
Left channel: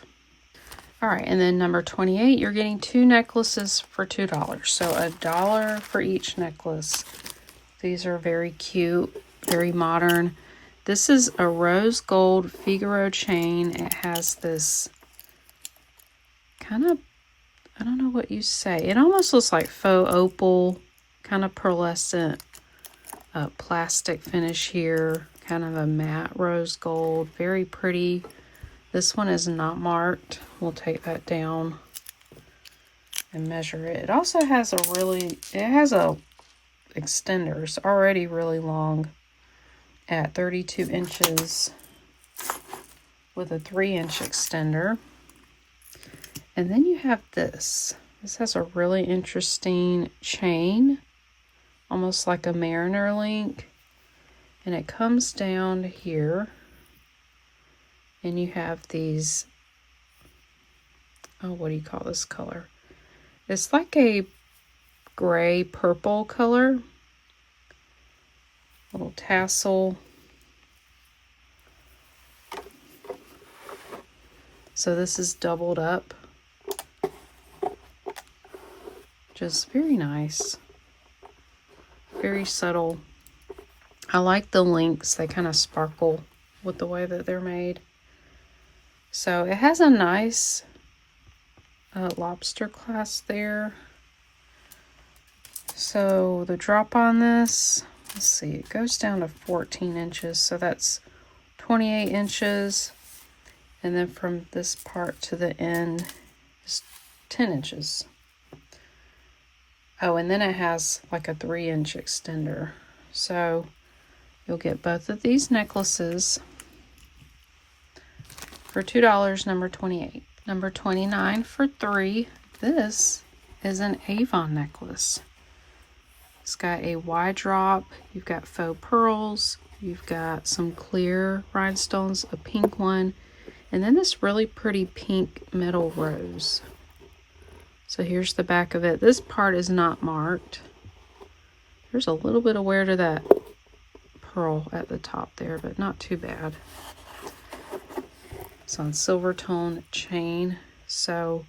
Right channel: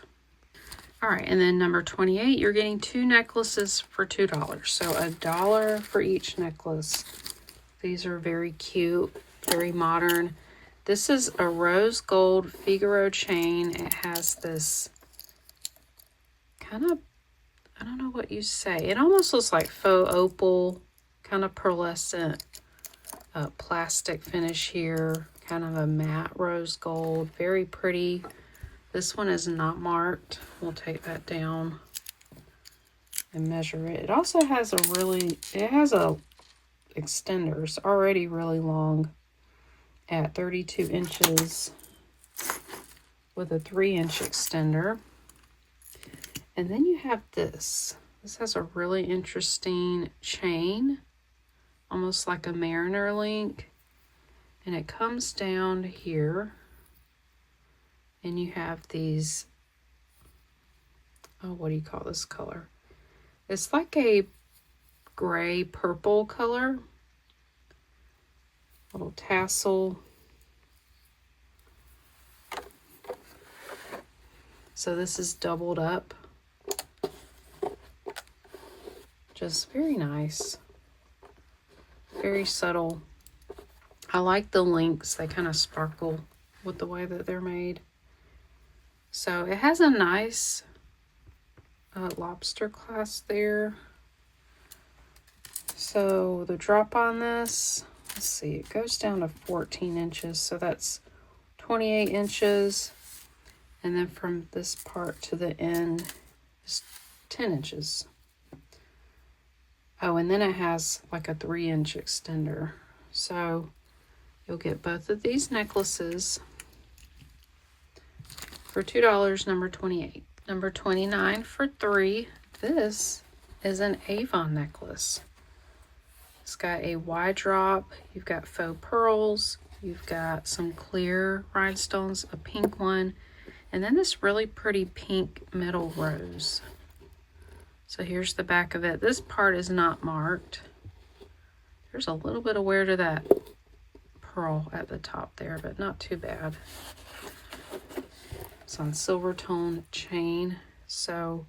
All right, and then number 28, you're getting 2 necklaces for $2. So $1 for each necklace. These are very cute, very modern. This is a rose gold Figaro chain. It has this kind of, I don't know what you say. It almost looks like faux opal, kind of pearlescent plastic finish here. Kind of a matte rose gold. Very pretty. This one is not marked. We'll take that down and measure it. It also has a extender. It's already really long at 32 inches with a 3-inch extender. And then you have this. This has a really interesting chain, almost like a mariner link. And it comes down here. And you have these, oh, what do you call this color? It's like a gray purple color. Little tassel. So this is doubled up. Just very nice. Very subtle. I like the links. They kind of sparkle with the way that they're made. So it has a nice lobster clasp there. So the drop on this, let's see, it goes down to 14 inches. So that's 28 inches. And then from this part to the end is 10 inches. Oh, and then it has like a 3-inch extender. So you'll get both of these necklaces for $2, number 28. Number 29 for $3. This is an Avon necklace. It's got a wide drop. You've got faux pearls. You've got some clear rhinestones, a pink one, and then this really pretty pink metal rose. So here's the back of it. This part is not marked. There's a little bit of wear to that pearl at the top there, but not too bad. It's on silver tone chain. So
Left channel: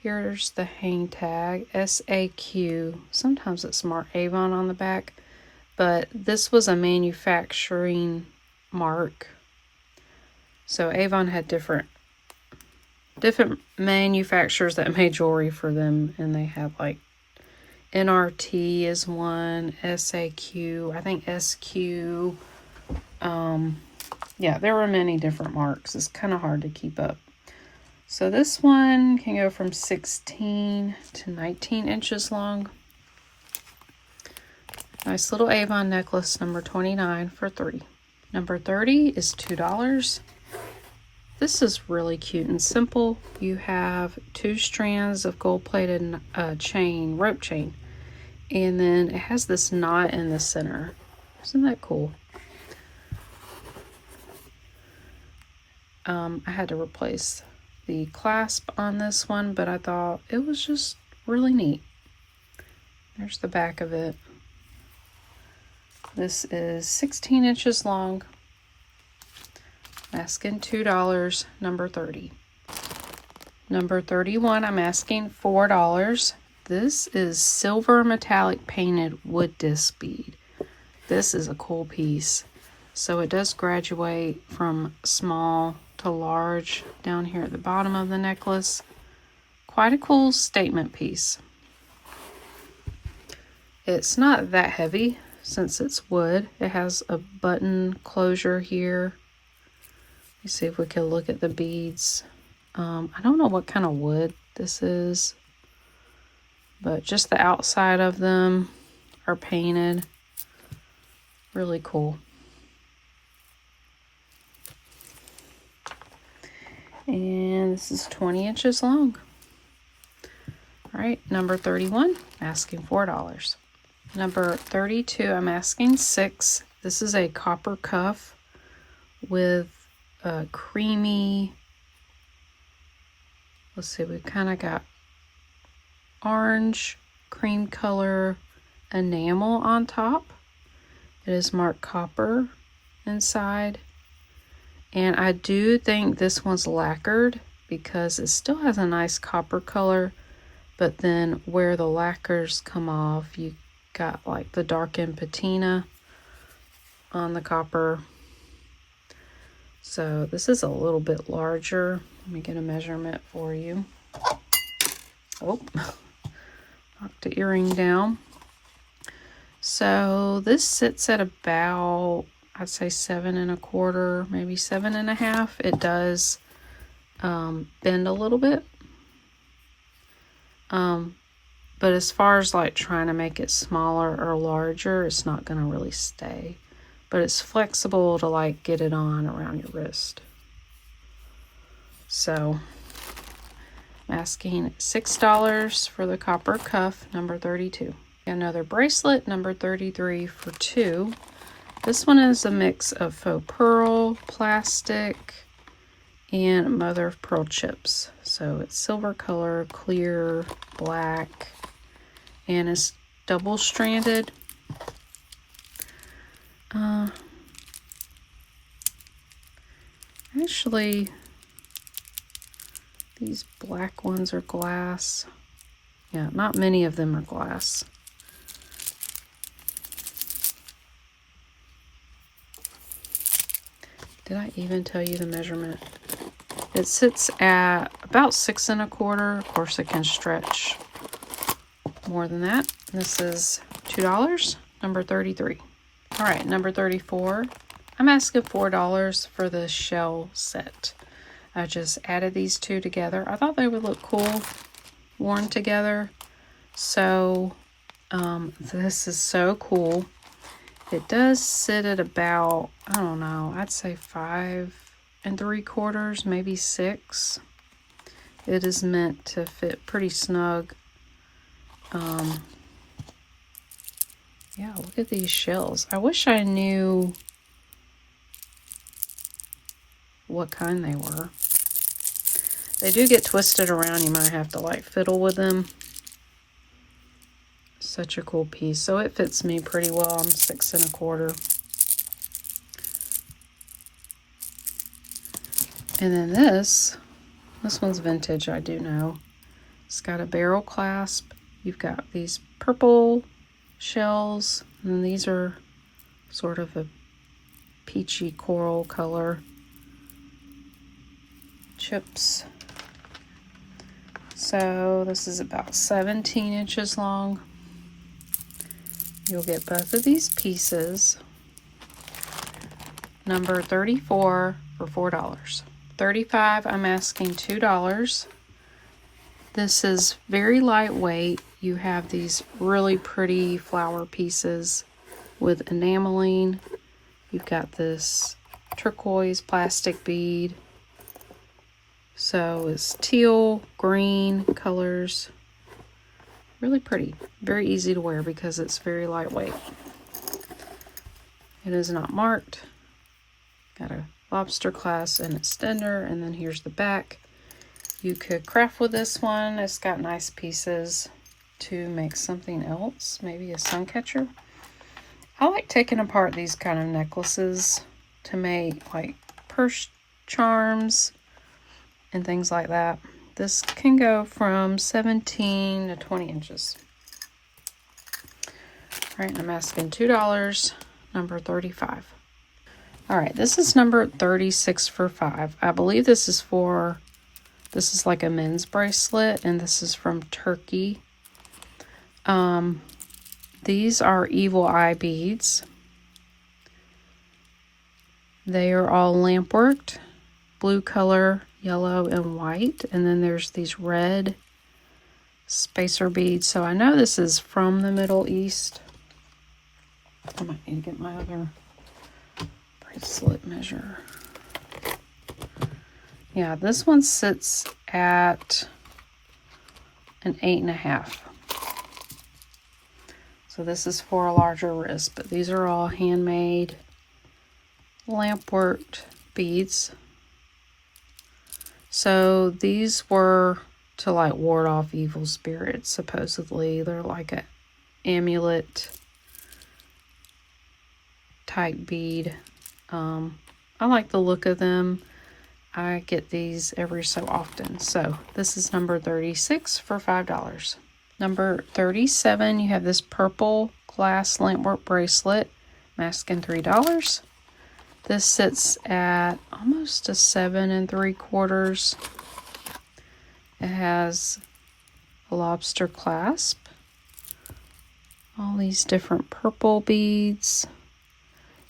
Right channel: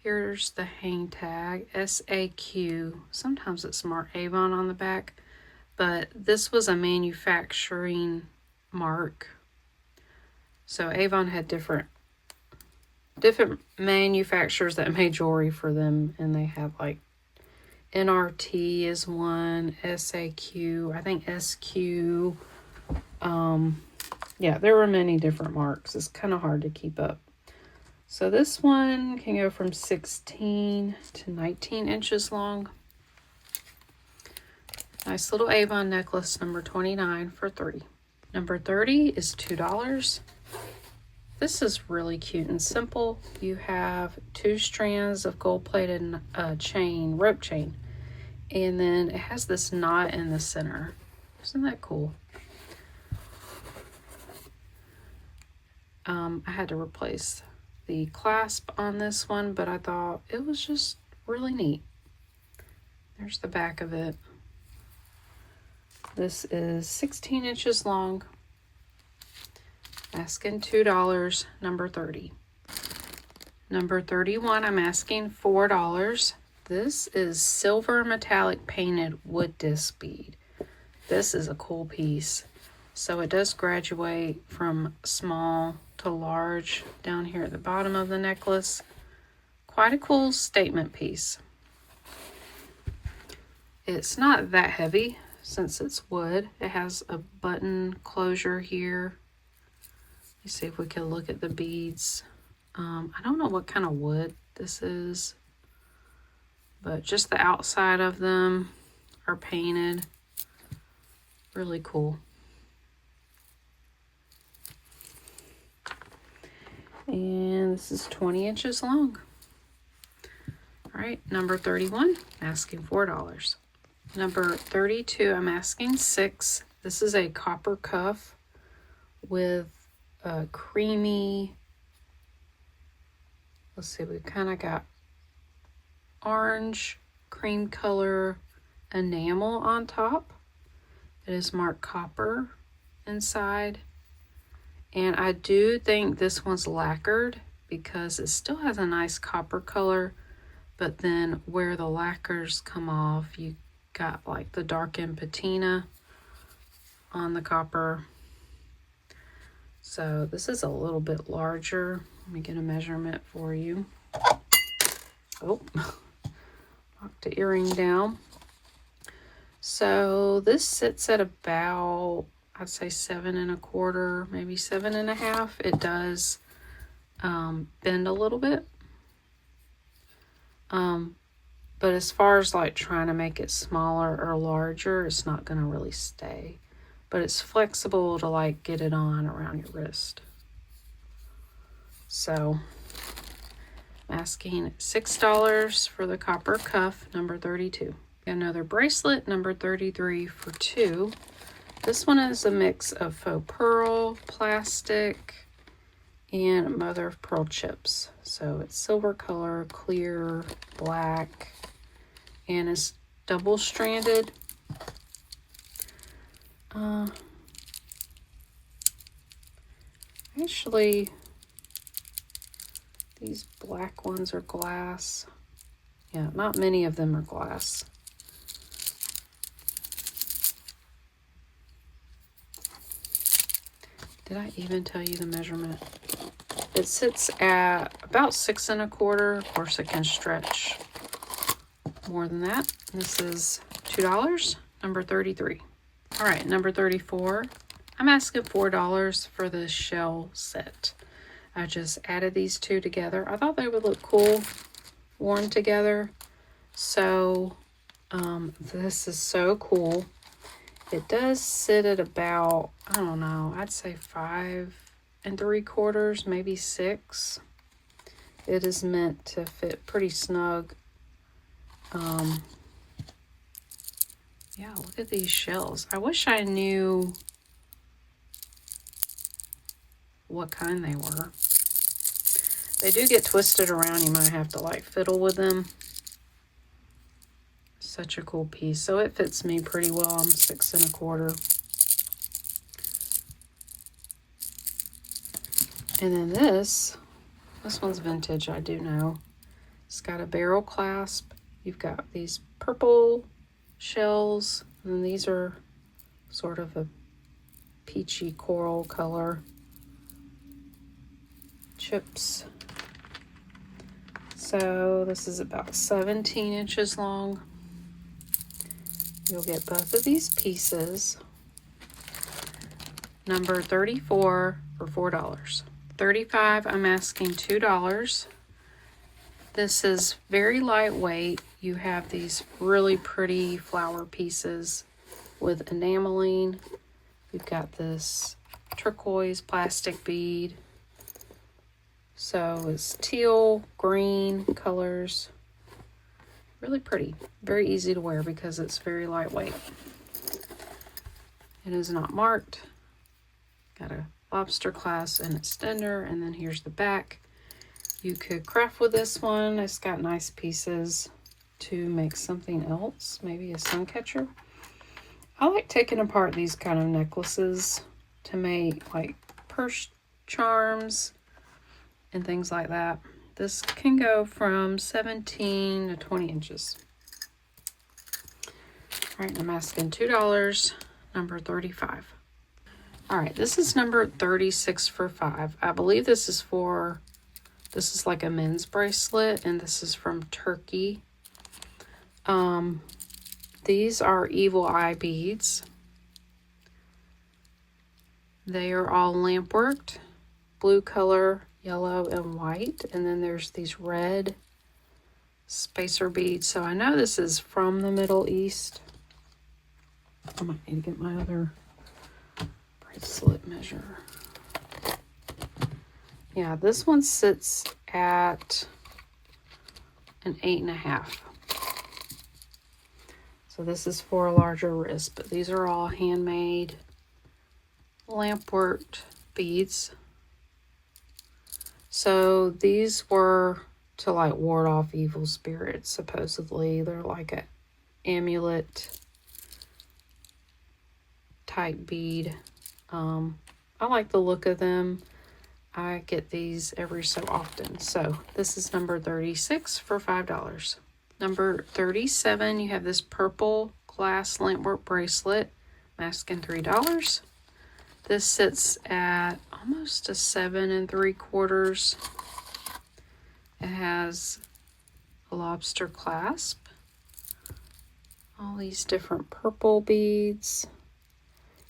here's the hang tag, SAQ. Sometimes it's marked Avon on the back, but this was a manufacturing mark. So Avon had different manufacturers that made jewelry for them, and they have like NRT is one, SAQ, I think SQ. Yeah, there were many different marks. It's kind of hard to keep up. So this one can go from 16 to 19 inches long. Nice little Avon necklace, number 29 for $3. Number 30 is $2. This is really cute and simple. You have 2 strands of gold-plated chain, rope chain, and then it has this knot in the center. Isn't that cool? I had to replace the clasp on this one, but I thought it was just really neat. There's the back of it. This is 16 inches long. Asking $2, number 30. Number 31, I'm asking $4. This is silver metallic painted wood disc bead. This is a cool piece. So it does graduate from small to large down here at the bottom of the necklace. Quite a cool statement piece. It's not that heavy since it's wood. It has a button closure here. Let's see if we can look at the beads. I don't know what kind of wood this is, but just the outside of them are painted. Really cool. And this is 20 inches long. All right, number 31, asking $4. Number 32, I'm asking $6. This is a copper cuff with a creamy, let's see, we've kind of got orange cream color enamel on top. It is marked copper inside. And I do think this one's lacquered because it still has a nice copper color, but then where the lacquers come off, you got like the darkened patina on the copper. So this is a little bit larger. Let me get a measurement for you. Oh, knocked the earring down. So this sits at about, I'd say 7 1/4, maybe 7 1/2. It does bend a little bit. But as far as like trying to make it smaller or larger, it's not going to really stay. But it's flexible to like get it on around your wrist. So I'm asking $6 for the copper cuff, number 32. Another bracelet, number 33 for 2. This one is a mix of faux pearl, plastic, and mother of pearl chips. So it's silver color, clear, black, and it's double stranded. Actually, these black ones are glass. Yeah, not many of them are glass. Did I even tell you the measurement? It sits at about 6 1/4. Of course, it can stretch more than that. This is $2, number 33. All right, number 34. I'm asking $4 for the shell set. I just added these two together. I thought they would look cool worn together. So this is so cool. It does sit at about, I don't know, I'd say 5 3/4, maybe 6. It is meant to fit pretty snug. Yeah, look at these shells. I wish I knew what kind they were. They do get twisted around. You might have to like fiddle with them. Such a cool piece. So it fits me pretty well. I'm 6 1/4. And then this one's vintage, I do know. It's got a barrel clasp. You've got these purple shells, and these are sort of a peachy coral color chips. So this is about 17 inches long. You'll get both of these pieces. Number 34 for $4. 35, I'm asking $2. This is very lightweight. You have these really pretty flower pieces with enameling. You've got this turquoise plastic bead. So it's teal, green colors. Really pretty. Very easy to wear because it's very lightweight. It is not marked. Got a lobster clasp and extender, and then here's the back. You could craft with this one. It's got nice pieces to make something else, maybe a sun catcher. I like taking apart these kind of necklaces to make like purse charms and things like that. This can go from 17 to 20 inches. All right, I'm asking $2, number 35. All right, this is number 36 for $5. I believe this is like a men's bracelet, and this is from Turkey. These are evil eye beads. They are all lamp worked, blue color, yellow, and white. And then there's these red spacer beads. So I know this is from the Middle East. I might need to get my other bracelet measure. Yeah, this one sits at an 8.5. So this is for a larger wrist, but these are all handmade lamp worked beads. So these were to like ward off evil spirits, supposedly. They're like an amulet type bead. I like the look of them. I get these every so often. So this is number 36 for $5. Number 37, you have this purple glass lampwork bracelet. I'm asking $3. This sits at almost a 7 3/4. It has a lobster clasp. All these different purple beads.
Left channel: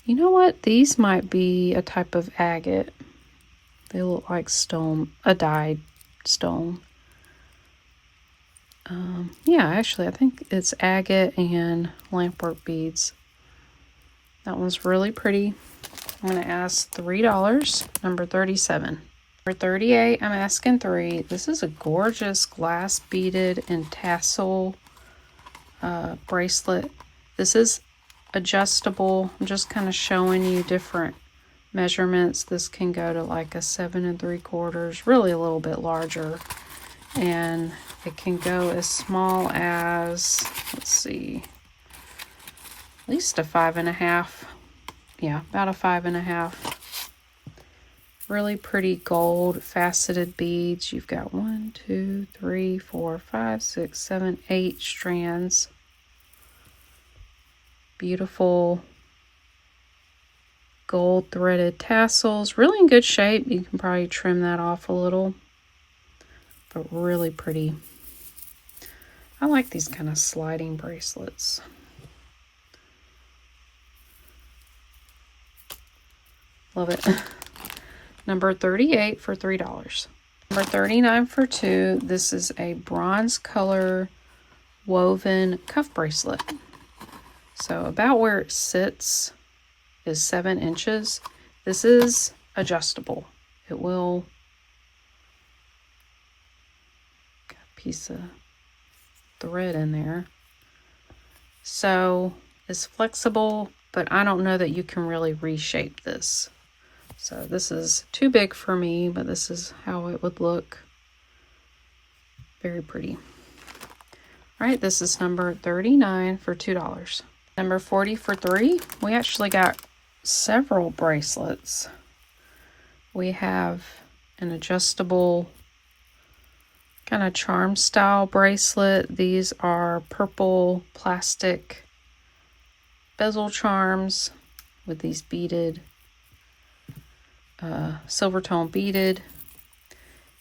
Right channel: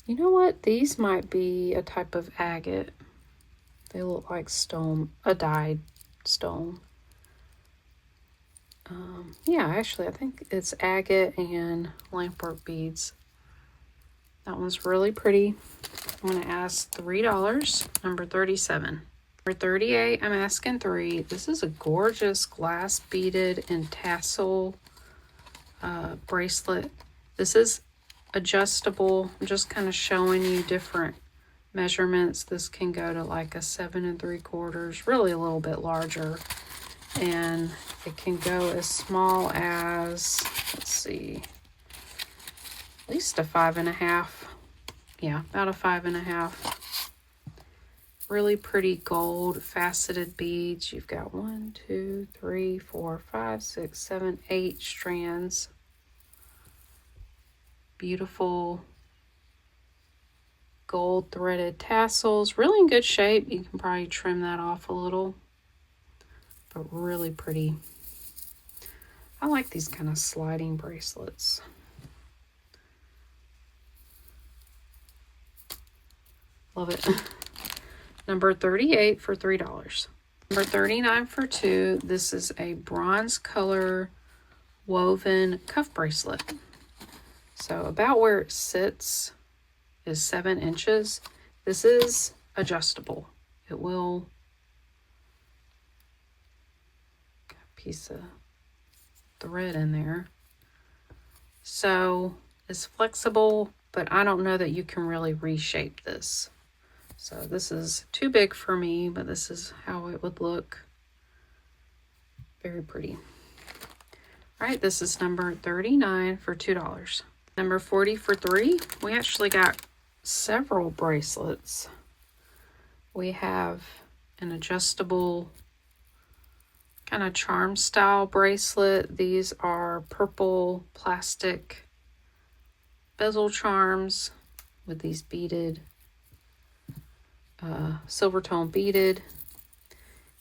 You know what? These might be a type of agate. They look like stone, a dyed stone. Yeah, actually, I think it's agate and lampwork beads. That one's really pretty. I'm going to ask $3, number 37. For 38, I'm asking 3. This is a gorgeous glass beaded and tassel bracelet. This is adjustable. I'm just kind of showing you different measurements. This can go to like a 7 3/4, really a little bit larger. And it can go as small as, let's see, at least a 5.5. Yeah, about a 5.5. Really pretty gold faceted beads. You've got 1, 2, 3, 4, 5, 6, 7, 8 strands. Beautiful gold threaded tassels. Really in good shape. You can probably trim that off a little, but really pretty. I like these kind of sliding bracelets. Love it. Number 38 for $3. Number 39 for $2. This is a bronze color woven cuff bracelet. So about where it sits is 7 inches. This is adjustable. It will, got a piece of thread in there. So it's flexible, but I don't know that you can really reshape this. So this is too big for me, but this is how it would look. Very pretty. All right, this is number 39 for $2. Number 40 for $3. We actually got several bracelets. We have an adjustable kind of charm style bracelet. These are purple plastic bezel charms with these beaded silver tone beaded.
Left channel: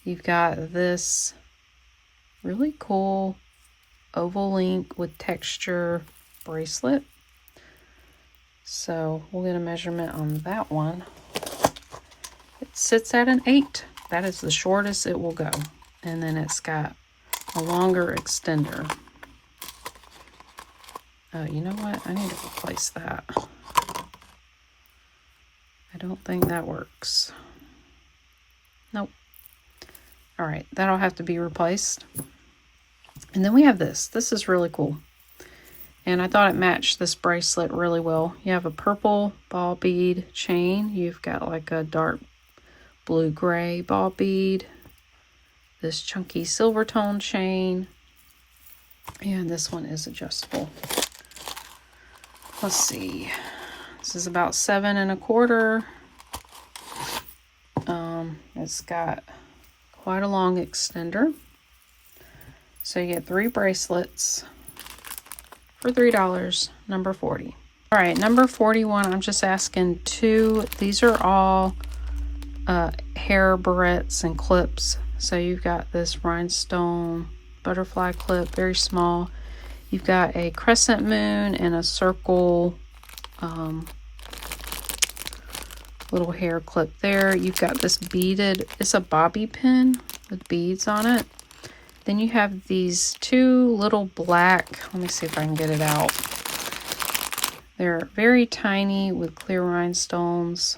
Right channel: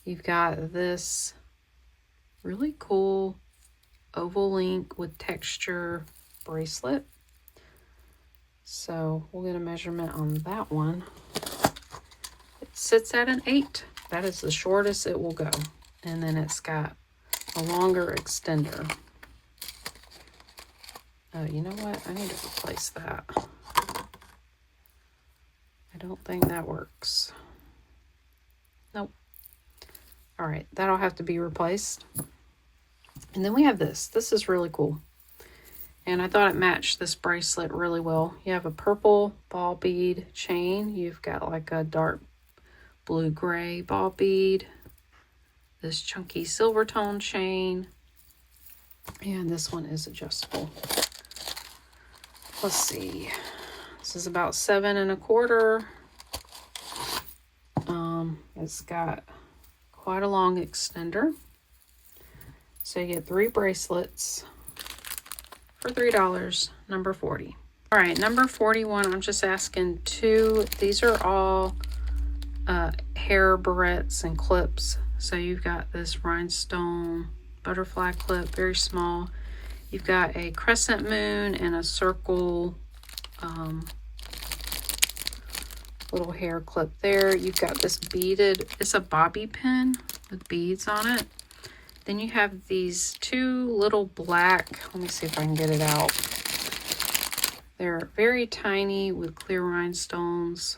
You've got this really cool oval link with texture bracelet. So we'll get a measurement on that one. It sits at an 8. That is the shortest it will go. And then it's got a longer extender. Oh, you know what? I need to replace that. I don't think that works. Nope. All right, that'll have to be replaced. And then we have this. This is really cool. And I thought it matched this bracelet really well. You have a purple ball bead chain. You've got like a dark blue-gray ball bead. This chunky silver tone chain. And this one is adjustable. Let's see. This is about 7 1/4. It's got quite a long extender. So you get 3 bracelets for $3. Number 40. All right, number 41. I'm just asking 2. These are all hair barrettes and clips. So you've got this rhinestone butterfly clip, very small. You've got a crescent moon and a circle little hair clip there. You've got this beaded, it's a bobby pin with beads on it. Then you have these 2 little black, let me see if I can get it out. They're very tiny with clear rhinestones.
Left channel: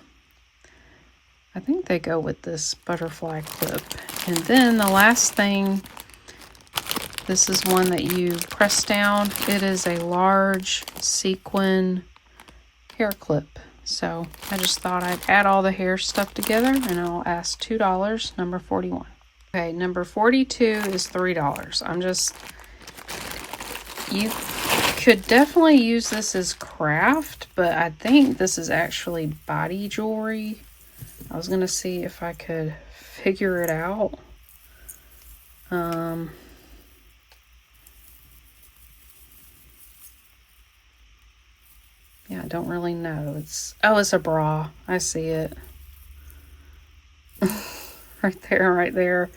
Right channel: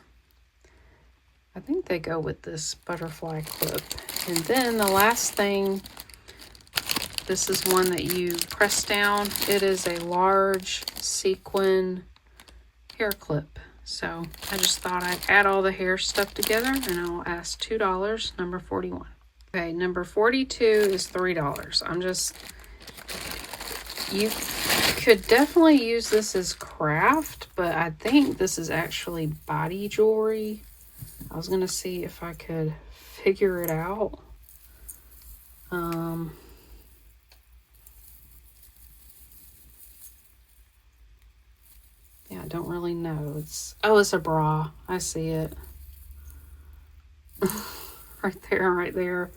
I think they go with this butterfly clip. And then the last thing, this is one that you press down. It is a large sequin hair clip. So I just thought I'd add all the hair stuff together, and I'll ask $2, number 41. Okay, number 42 is $3. You could definitely use this as craft, but I think this is actually body jewelry. I was gonna see if I could figure it out. Yeah, I don't really know. It's a bra. I see it. right there.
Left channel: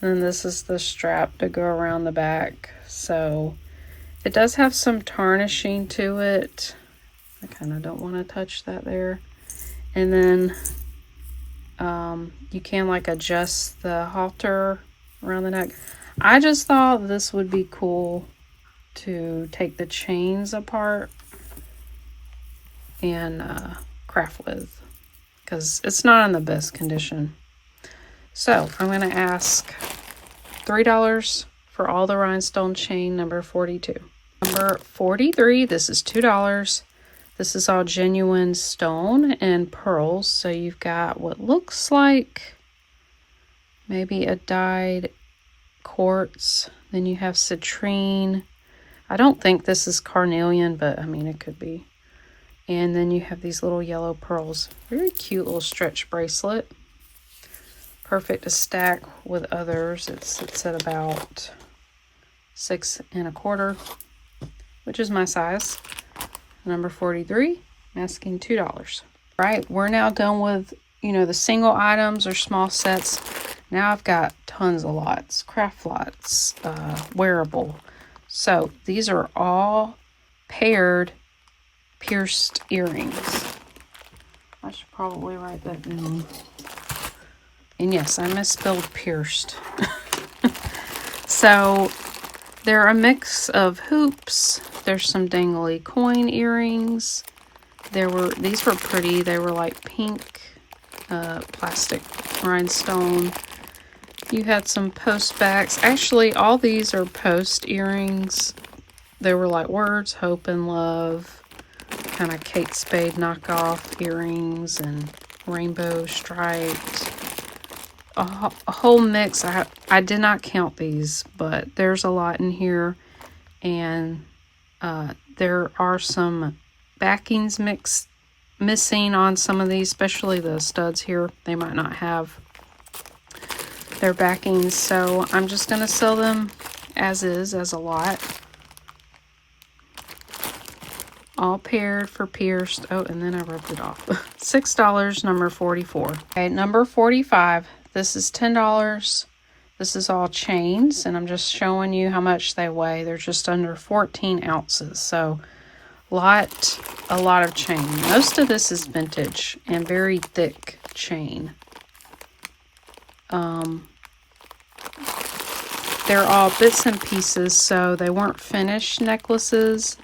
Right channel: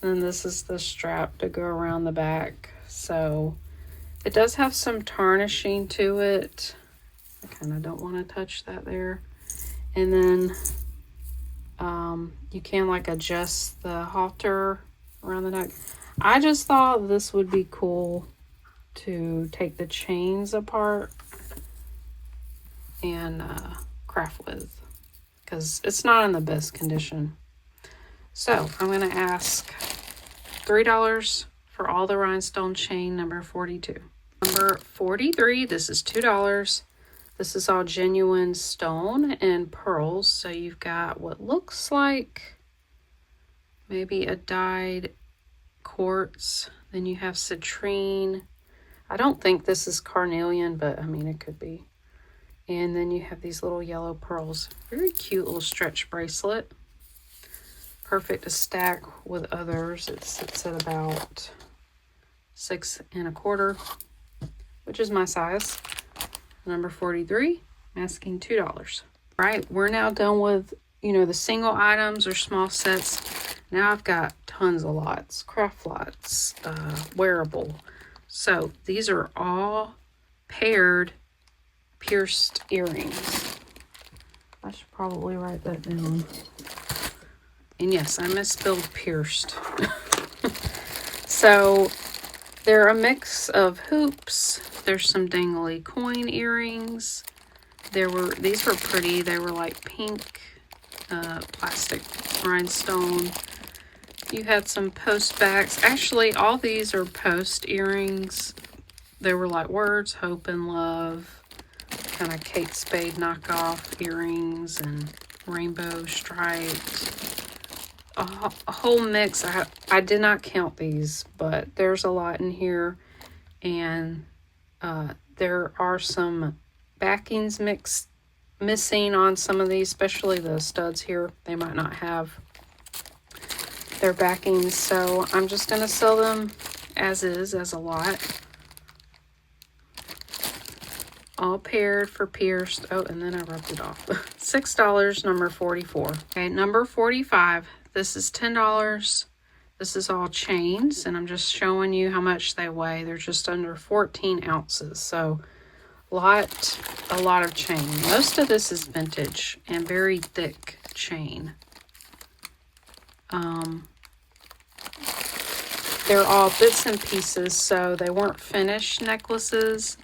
And this is the strap to go around the back. So it does have some tarnishing to it. I kind of don't want to touch that there. And then you can like adjust the halter around the neck. I just thought this would be cool to take the chains apart and craft with, because it's not in the best condition. So I'm going to ask $3 for all the rhinestone chain, number 42. Number 43, this is $2. This is all genuine stone and pearls. So you've got what looks like maybe a dyed quartz. Then you have citrine. I don't think this is carnelian, but I mean, it could be. And then you have these little yellow pearls. Very cute little stretch bracelet. Perfect to stack with others. It sits at about 6 1/4, which is my size. Number 43, I'm asking $2. All right, we're now done with, the single items or small sets. Now I've got tons of lots, craft lots, wearable. So these are all paired pierced earrings. I should probably write that down. And yes, I misspelled pierced. So they're a mix of hoops. There's some dangly coin earrings. These were pretty. They were like pink plastic rhinestone. You had some post backs. Actually, all these are post earrings. They were like words, hope and love, kind of Kate Spade knockoff earrings and rainbow striped. A whole mix. I did not count these, but there's a lot in here. And there are some backings missing on some of these, especially the studs here. They might not have their backings, so I'm just going to sell them as is, as a lot. All paired for pierced. Oh, and then I ripped it off. $6, number 44. Okay, number 45. This is $10. This is all chains, and I'm just showing you how much they weigh. They're just under 14 ounces, so a lot of chain. Most of this is vintage and very thick chain. They're all bits and pieces, so they weren't finished necklaces,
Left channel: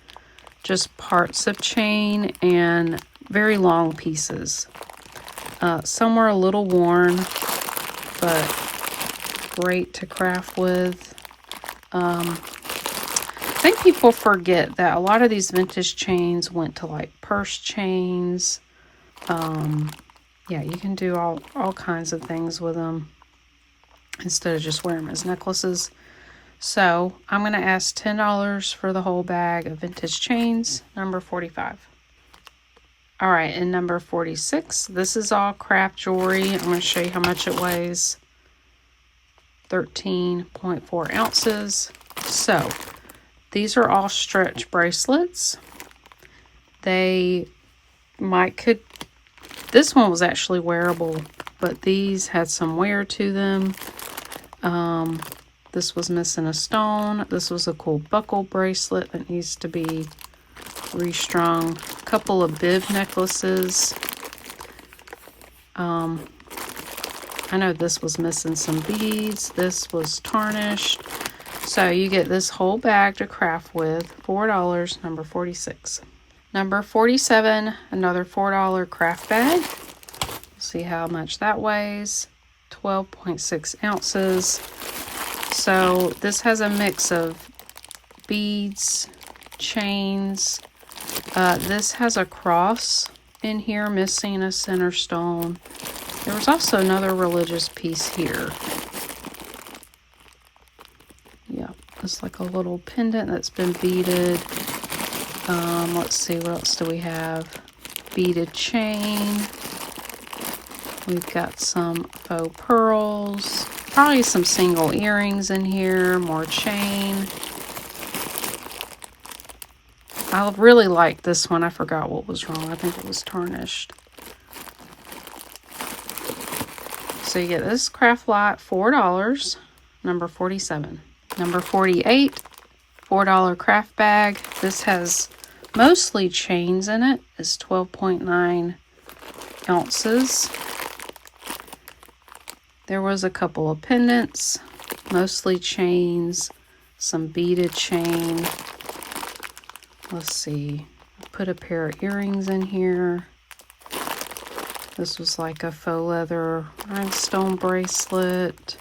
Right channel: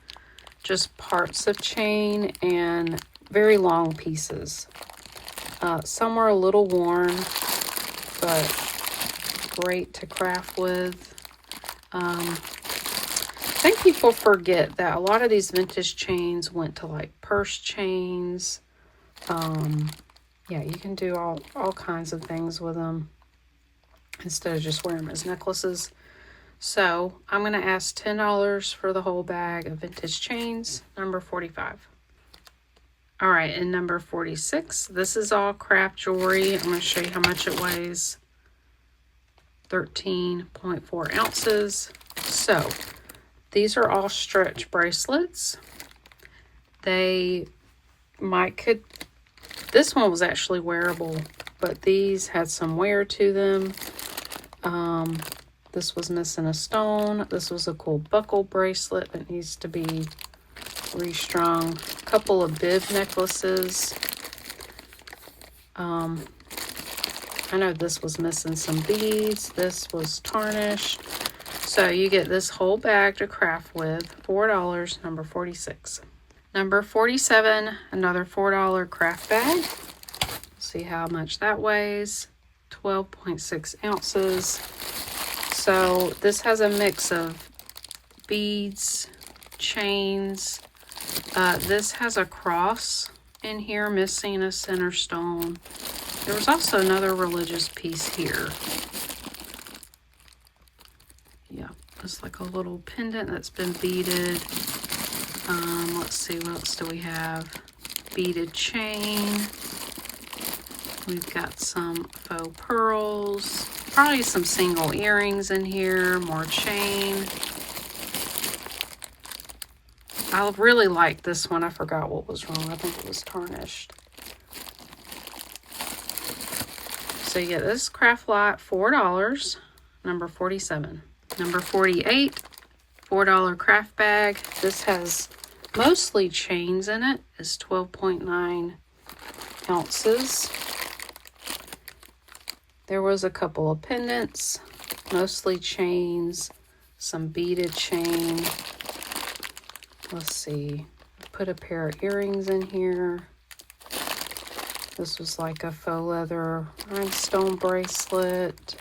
just parts of chain and very long pieces. Some were a little worn, but great to craft with. I think people forget that a lot of these vintage chains went to like purse chains. Yeah, you can do all kinds of things with them instead of just wearing them as necklaces. So I'm going to ask $10 for the whole bag of vintage chains, number 45. All right, and number 46, this is all craft jewelry. I'm going to show you how much it weighs. 13.4 ounces. So these are all stretch bracelets. This one was actually wearable, but these had some wear to them. This was missing a stone. This was a cool buckle bracelet that needs to be restrung. A couple of bib necklaces. I know this was missing some beads. This was tarnished. So you get this whole bag to craft with. $4, number 46. Number 47, another $4 craft bag. See how much that weighs. 12.6 ounces. So this has a mix of beads, chains. This has a cross in here, missing a center stone. There was also another religious piece here. Yeah, it's like a little pendant that's been beaded. Let's see, what else do we have? Beaded chain. We've got some faux pearls. Probably some single earrings in here. More chain. I really like this one. I forgot what was wrong. I think it was tarnished. So you get this craft lot, $4, number 47. Number 48, $4 craft bag. This has mostly chains in it. It's 12.9 ounces. There was a couple of pendants, mostly chains, some beaded chain. Let's see, put a pair of earrings in here. This was like a faux leather rhinestone bracelet.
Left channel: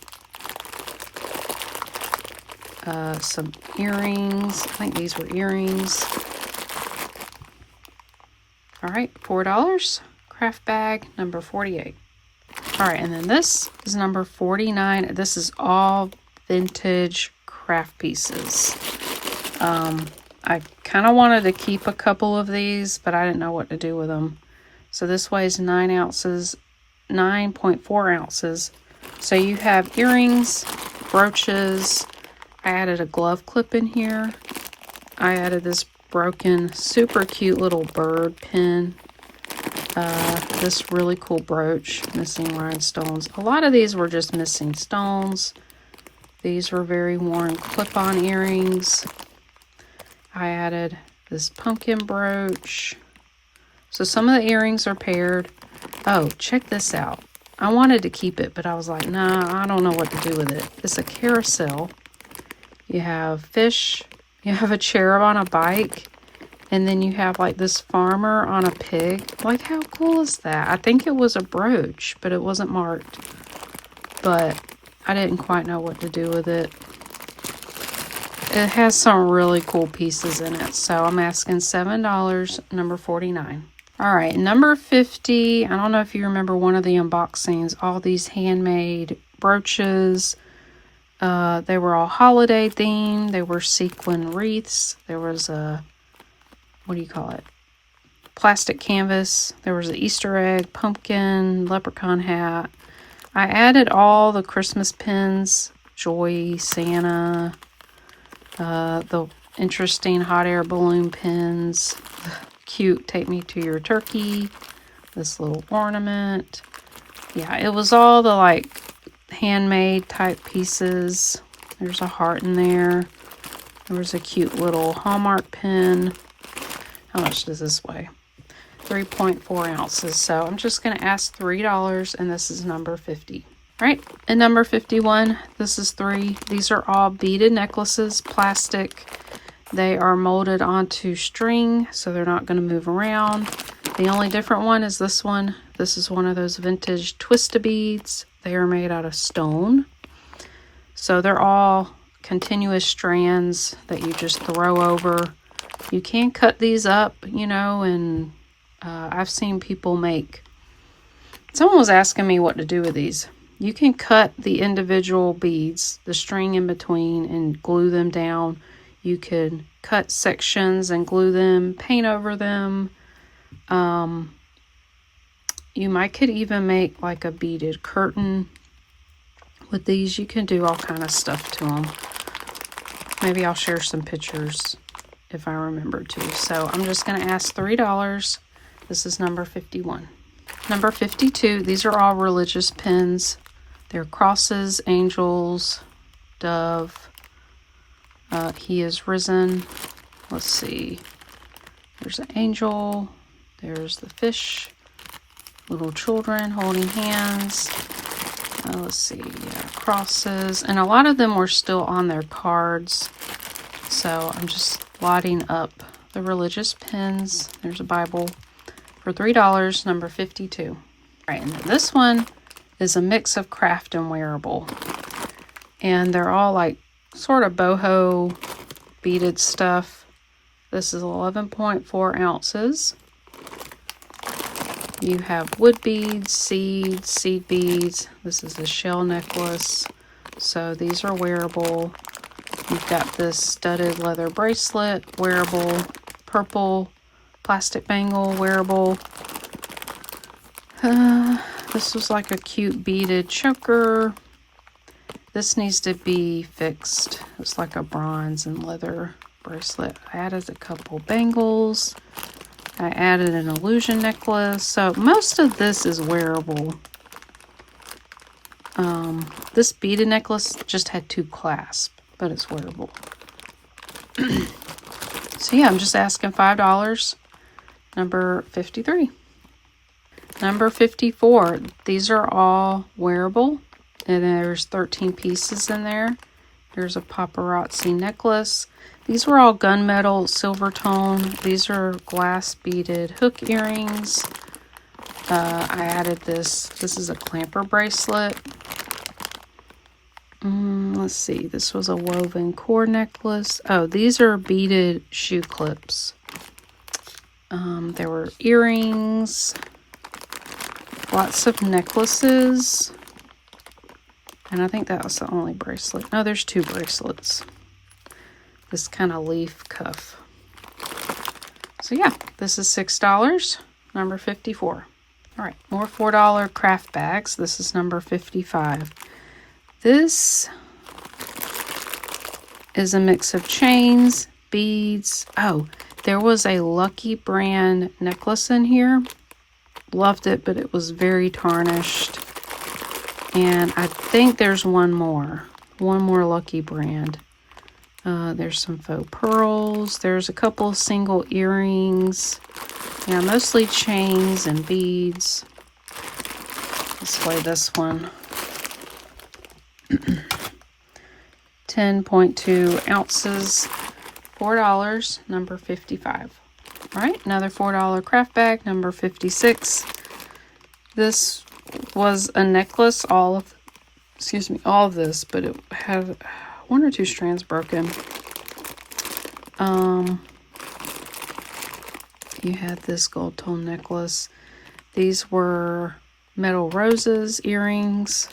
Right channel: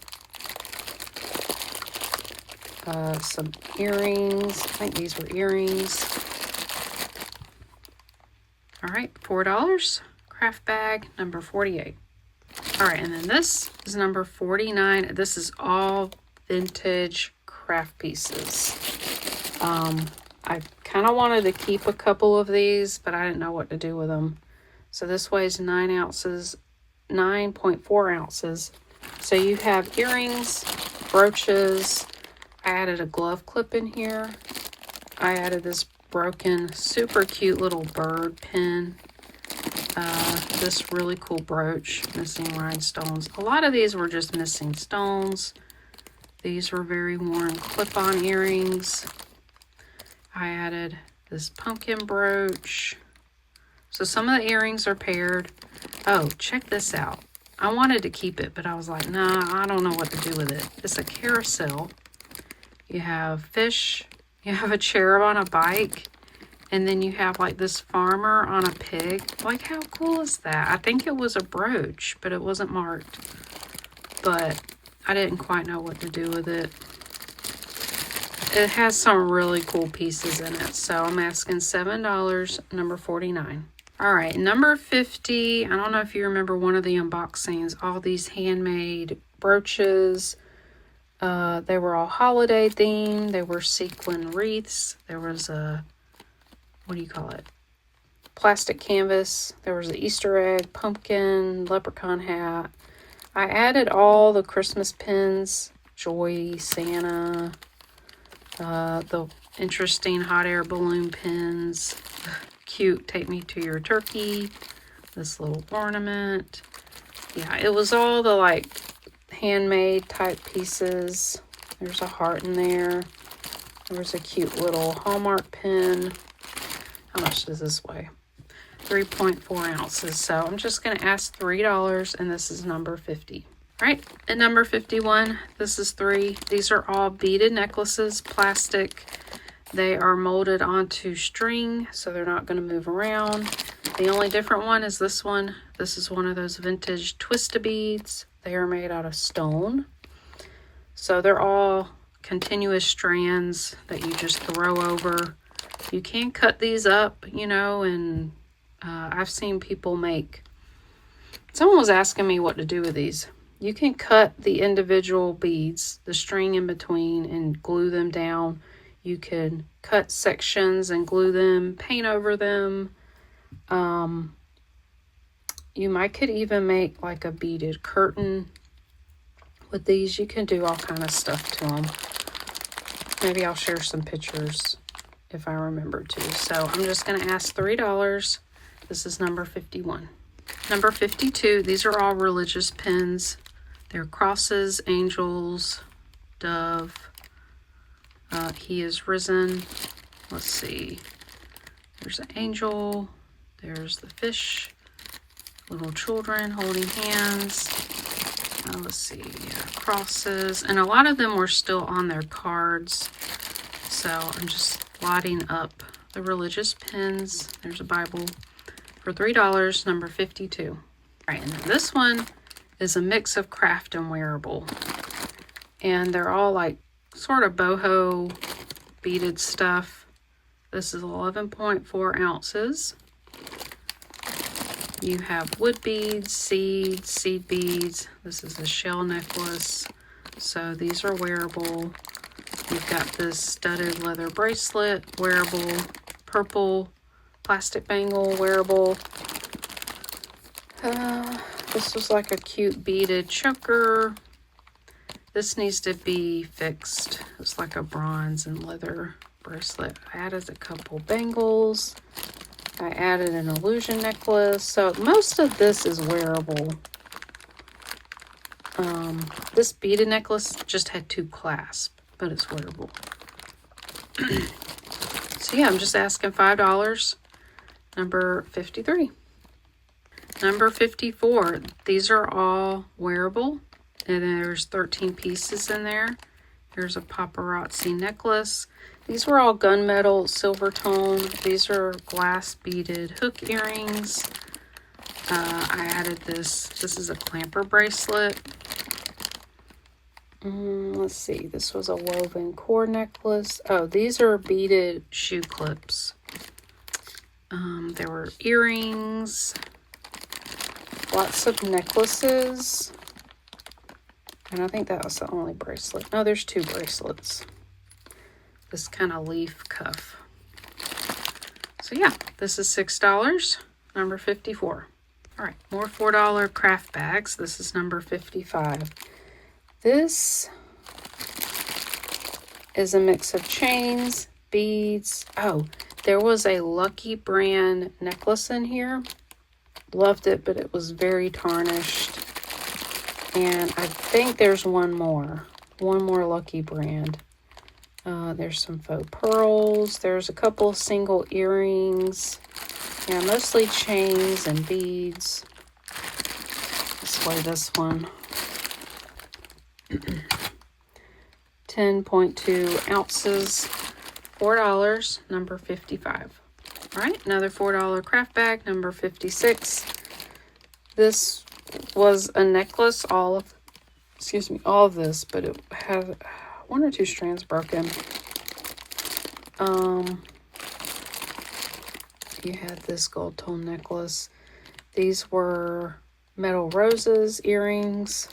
Some earrings. I think these were earrings. All right, $4. Craft bag, number 48. All right, and then this is number 49. This is all vintage craft pieces. I kind of wanted to keep a couple of these, but I didn't know what to do with them. So this weighs 9 ounces, 9.4 ounces. So you have earrings, brooches. I added a glove clip in here. I added this broken, super cute little bird pin. This really cool brooch, missing rhinestones. A lot of these were just missing stones. These were very worn clip-on earrings. I added this pumpkin brooch. So some of the earrings are paired. Oh, check this out. I wanted to keep it, but I was like, no, I don't know what to do with it. It's a carousel. You have fish, you have a cherub on a bike, and then you have like this farmer on a pig. Like, how cool is that? I think it was a brooch, but it wasn't marked. But I didn't quite know what to do with it. It has some really cool pieces in it. So I'm asking $7, number 49. All right, number 50. I don't know if you remember one of the unboxings. All these handmade brooches. They were all holiday themed. They were sequin wreaths. There was a, what do you call it? Plastic canvas. There was an Easter egg, pumpkin, leprechaun hat. I added all the Christmas pins, Joy, Santa, the interesting hot air balloon pins, cute Take Me to Your Turkey, this little ornament. Yeah, it was all the like handmade type pieces. There's a heart in there. There's a cute little Hallmark pin. How much does this weigh? 3.4 ounces. So I'm just going to ask $3, and this is number 50. All right, and number 51, this is 3. These are all beaded necklaces, plastic. They are molded onto string, so they're not going to move around. The only different one is this one. This is one of those vintage twist beads. They are made out of stone. So they're all continuous strands that you just throw over. You can cut these up, you know, and I've seen people make... Someone was asking me what to do with these. You can cut the individual beads, the string in between, and glue them down. You can cut sections and glue them, paint over them. You could even make like a beaded curtain with these. You can do all kind of stuff to them. Maybe I'll share some pictures if I remember to. So I'm just going to ask $3. This is number 51. Number 52, these are all religious pins. They're crosses, angels, dove. He is risen. Let's see. There's an angel. There's the fish. Little children holding hands. Let's see. Yeah, crosses. And a lot of them were still on their cards. So I'm just lighting up the religious pins. There's a Bible for $3, number 52. All right, and then this one is a mix of craft and wearable. And they're all like sort of boho beaded stuff. This is 11.4 ounces. You have wood beads, seeds, seed beads. This is a shell necklace. So these are wearable. You've got this studded leather bracelet, wearable, purple plastic bangle, wearable. This was like a cute beaded choker. This needs to be fixed. It's like a bronze and leather bracelet. I added a couple bangles. I added an illusion necklace. So most of this is wearable. This beaded necklace just had 2 clasps, but it's wearable. So yeah, I'm just asking $5. Number 53. Number 54. These are all wearable. And there's 13 pieces in there. There's a paparazzi necklace. These were all gunmetal, silver tone. These are glass beaded hook earrings. I added this. This is a clamper bracelet. Let's see. This was a woven core necklace. Oh, these are beaded shoe clips. There were earrings. Lots of necklaces. And I think that was the only bracelet. No, there's 2 bracelets. This kind of leaf cuff. So yeah, this is $6, number 54. All right, more $4 craft bags. This is number 55. This is a mix of chains, beads. Oh, there was a Lucky brand necklace in here. Loved it, but it was very tarnished. And I think there's one more Lucky brand. There's some faux pearls. There's a couple of single earrings. Yeah, mostly chains and beads. Let's weigh this one. 10.2 ounces, $4, number 55. All right, another $4 craft bag, number 56. This was a necklace, all of this, but it had 1 or 2 strands broken. You had this gold tone necklace. These were metal roses, earrings,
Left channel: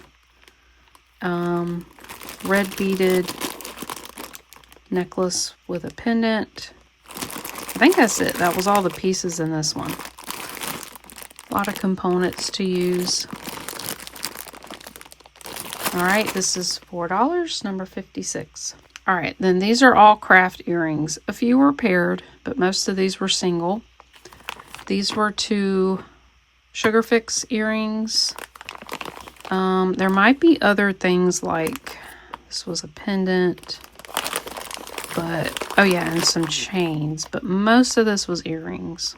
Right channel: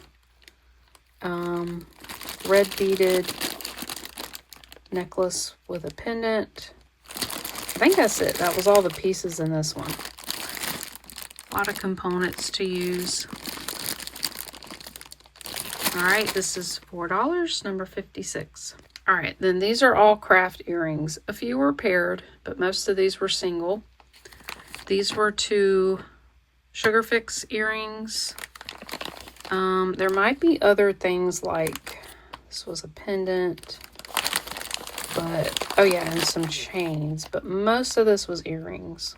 red beaded necklace with a pendant. I think that's it. That was all the pieces in this one. A lot of components to use. All right, this is $4, number 56. All right, then these are all craft earrings. A few were paired, but most of these were single. These were 2 Sugar Fix earrings. There might be other things like, this was a pendant, but, oh yeah, and some chains, but most of this was earrings.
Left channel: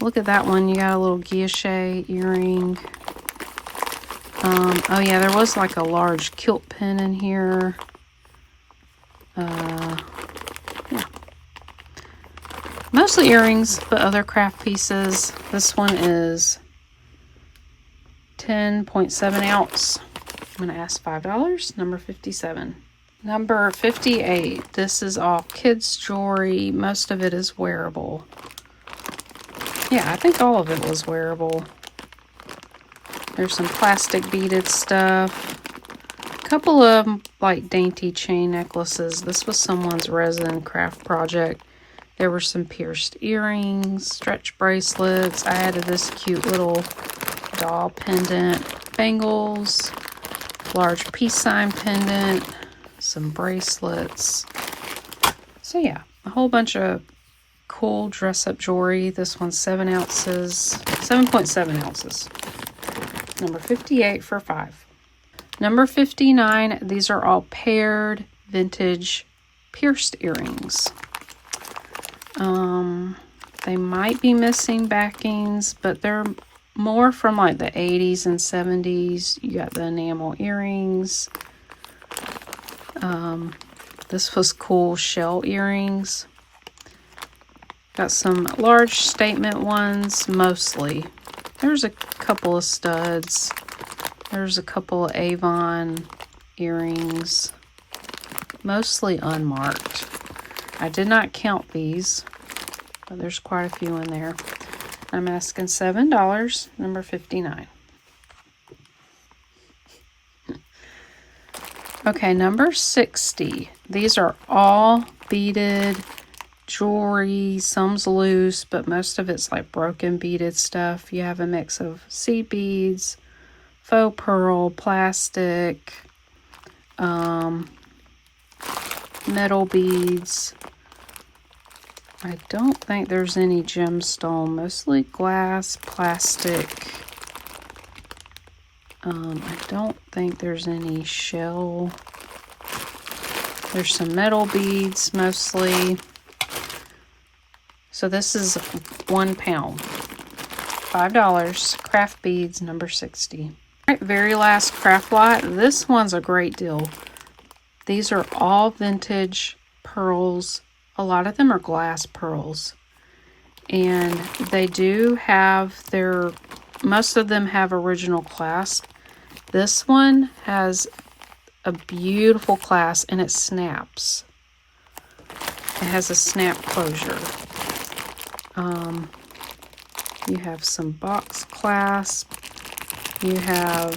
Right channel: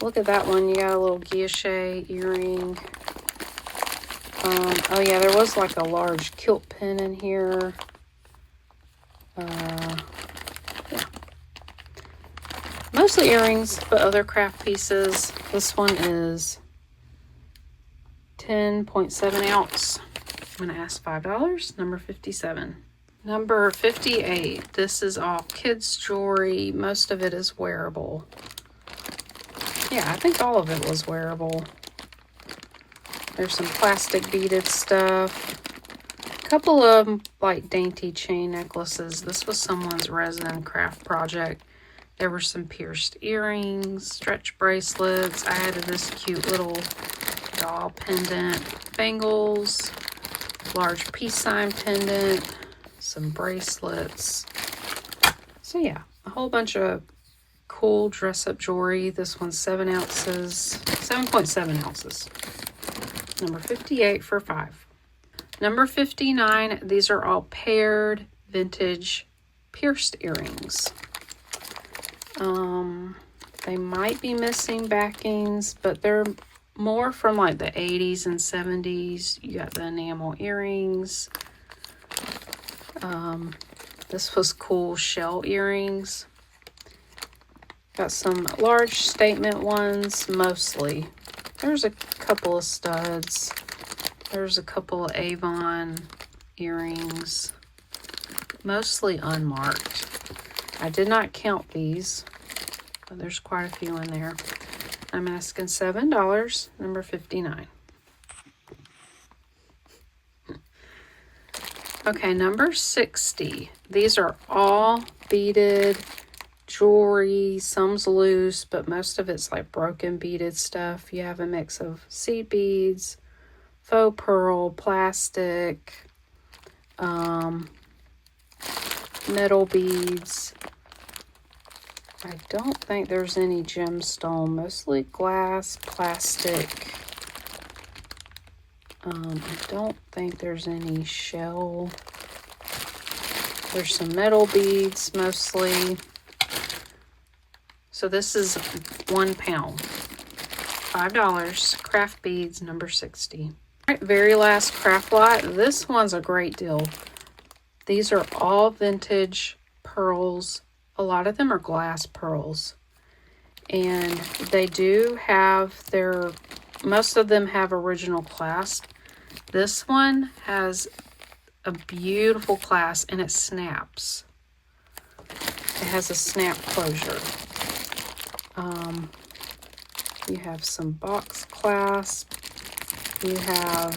Look at that one, you got a little guilloche earring. Oh yeah, there was like a large kilt pin in here. Yeah. Mostly earrings, but other craft pieces. This one is 10.7 ounce. I'm going to ask $5, number 57. Number 58. This is all kids' jewelry. Most of it is wearable. Yeah, I think all of it was wearable. There's some plastic beaded stuff. A couple of them, like dainty chain necklaces. This was someone's resin craft project. There were some pierced earrings, stretch bracelets. I added this cute little doll pendant, bangles, large peace sign pendant, some bracelets. So yeah, a whole bunch of cool dress-up jewelry. This one's 7 ounces, 7.7 ounces. Number 58 for $5. Number 59, these are all paired vintage pierced earrings. They might be missing backings, but they're more from like the 80s and 70s. You got the enamel earrings. This was cool shell earrings. Got some large statement ones, mostly. There's a couple of studs. There's a couple of Avon earrings, mostly unmarked. I did not count these, but there's quite a few in there. I'm asking $7, number 59. Okay, number 60. These are all beaded jewelry. Some's loose, but most of it's like broken beaded stuff. You have a mix of seed beads, faux pearl, plastic, metal beads. I don't think there's any gemstone, mostly glass, plastic. I don't think there's any shell. There's some metal beads, mostly. So this is 1 pound, $5, craft beads, number 60. All right, very last craft lot. This one's a great deal. These are all vintage pearls. A lot of them are glass pearls. And they do have most of them have original clasp. This one has a beautiful clasp and it snaps. It has a snap closure. You have some box clasp. You have,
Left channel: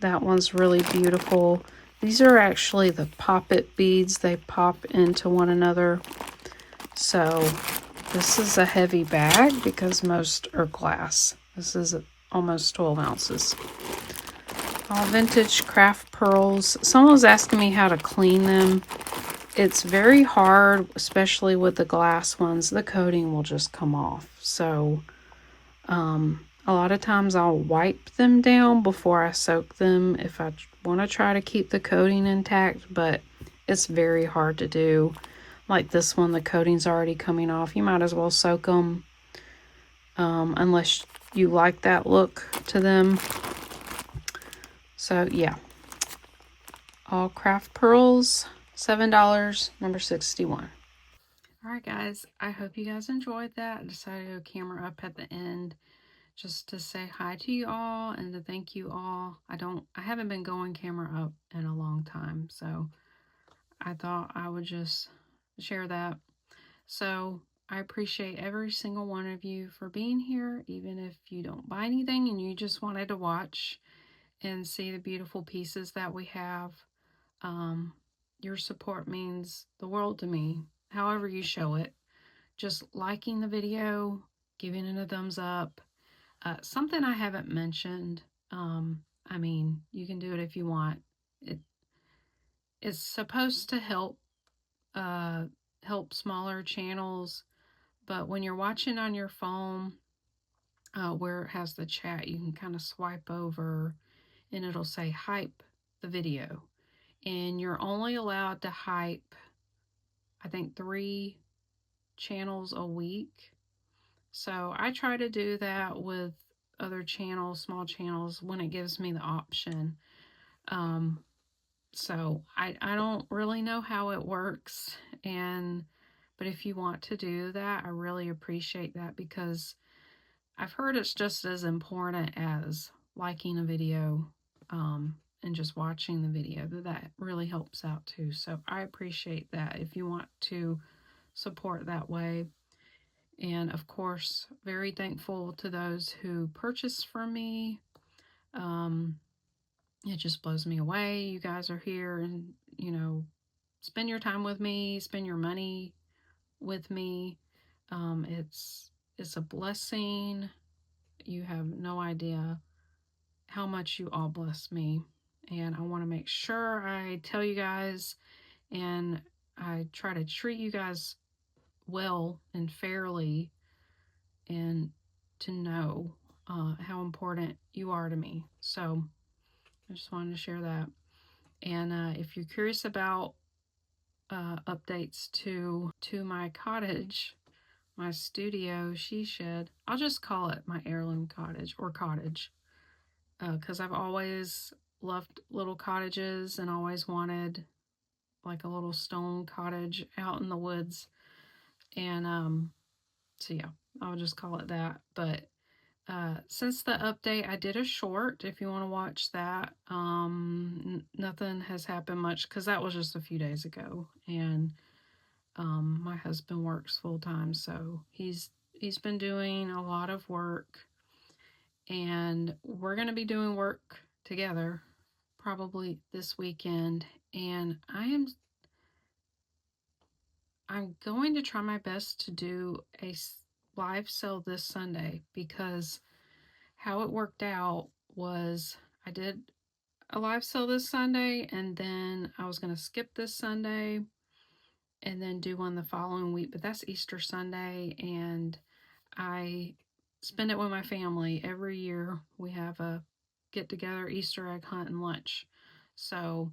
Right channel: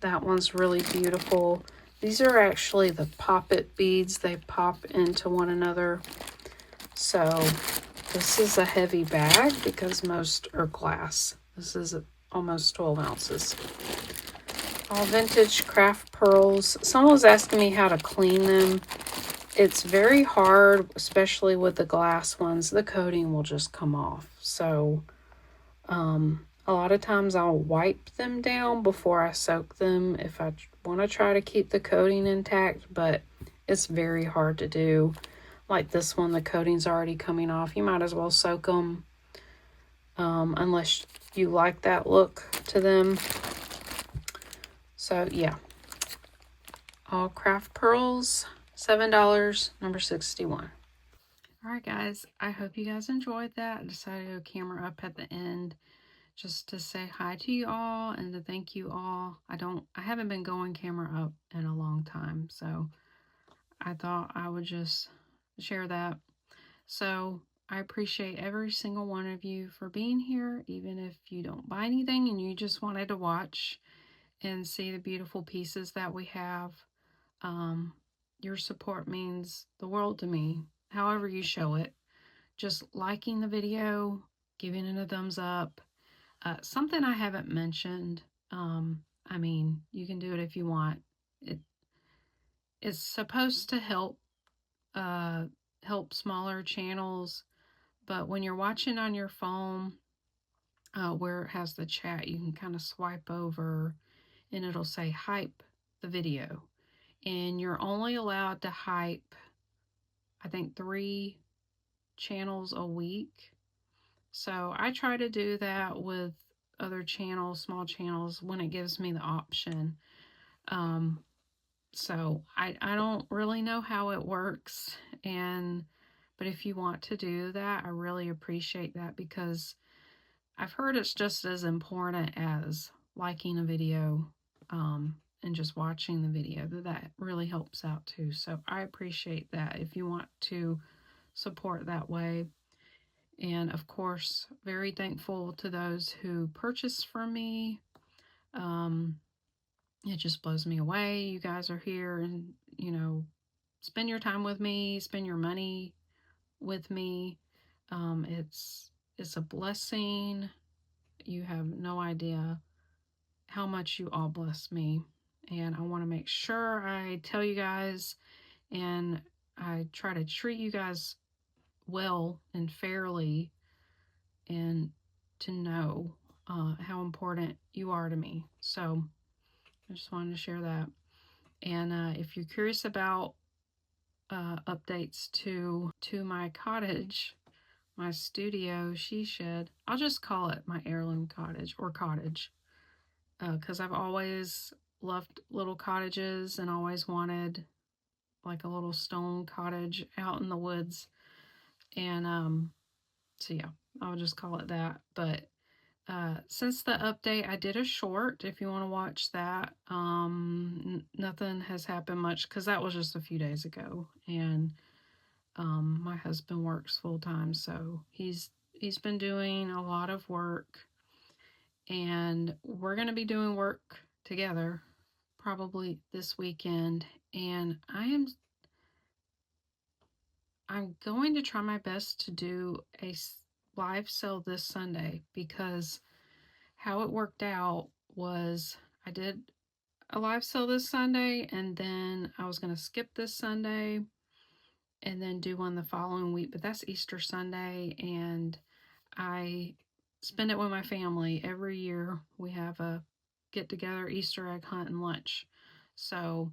that one's really beautiful. These are actually the pop-it beads. They pop into one another. So this is a heavy bag because most are glass. This is almost 12 ounces. Vintage craft pearls. Someone was asking me how to clean them. It's very hard, especially with the glass ones. The coating will just come off. So a lot of times I'll wipe them down before I soak them if I want to try to keep the coating intact, but it's very hard to do. Like this one, the coating's already coming off. You might as well soak them unless you like that look to them. So yeah, all craft pearls, $7, number 61. Alright guys, I hope you guys enjoyed that. I decided to go camera up at the end just to say hi to you all and to thank you all. I haven't been going camera up in a long time, so I thought I would just share that. So I appreciate every single one of you for being here, even if you don't buy anything and you just wanted to watch and see the beautiful pieces that we have. Your support means the world to me, however you show it. Just liking the video, giving it a thumbs up. Something I haven't mentioned, I mean, you can do it if you want. It's supposed to help smaller channels, but when you're watching on your phone, where it has the chat, you can kind of swipe over and it'll say hype the video. And you're only allowed to hype, I think, 3 channels a week. So I try to do that with other channels, small channels, when it gives me the option. So I don't really know how it works, but if you want to do that, I really appreciate that, because I've heard it's just as important as liking a video and just watching the video. That really helps out too. So I appreciate that if you want to support that way. And of course, very thankful to those who purchase from me. It just blows me away. You guys are here and, spend your time with me, spend your money with me. It's a blessing. You have no idea how much you all bless me. And I want to make sure I tell you guys, and I try to treat you guys well and fairly, and to know how important you are to me. So I just wanted to share that. And if you're curious about updates to my cottage, my studio she shed, I'll just call it my heirloom cottage, or cottage, because I've always loved little cottages and always wanted like a little stone cottage out in the woods. And so yeah, I'll just call it that. But since the update, I did a short, if you want to watch that. Nothing has happened much because that was just a few days ago. And my husband works full time, so he's been doing a lot of work, and we're going to be doing work together probably this weekend. And I'm going to try my best to do a live sale this Sunday, because how it worked out was I did a live sale this Sunday, and then I was going to skip this Sunday and then do one the following week, but that's Easter Sunday, and I spend it with my family. Every year we have a get together, Easter egg hunt, and lunch. So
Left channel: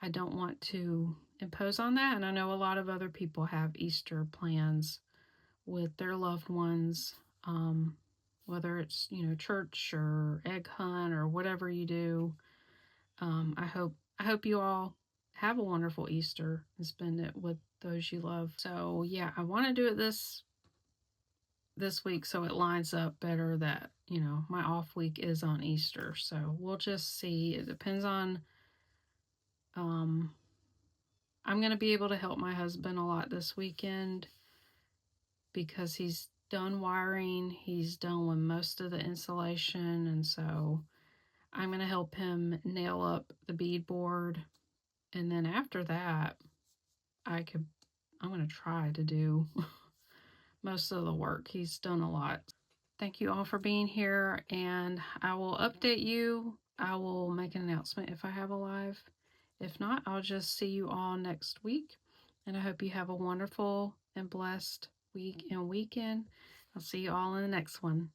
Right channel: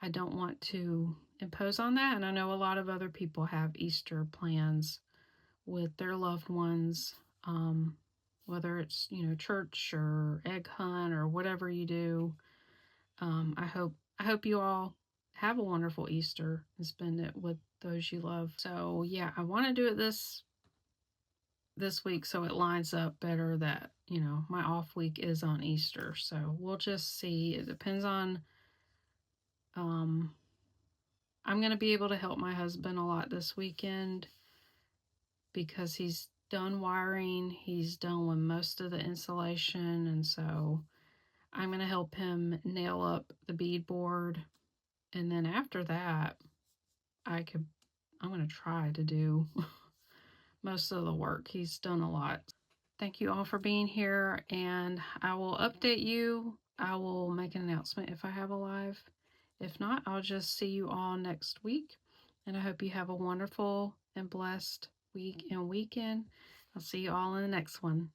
I don't want to impose on that, and I know a lot of other people have Easter plans with their loved ones, whether it's, church or egg hunt or whatever you do. I hope you all have a wonderful Easter and spend it with those you love. So yeah, I want to do it this week so it lines up better that, you know, my off week is on Easter. So we'll just see. It depends on, I'm going to be able to help my husband a lot this weekend because he's done wiring, he's done with most of the insulation, and so I'm going to help him nail up the beadboard. And then after that, I'm going to try to do most of the work. He's done a lot. Thank you all for being here, and I will update you. I will make an announcement if I have a live. If not, I'll just see you all next week, and I hope you have a wonderful and blessed week and weekend. I'll see you all in the next one.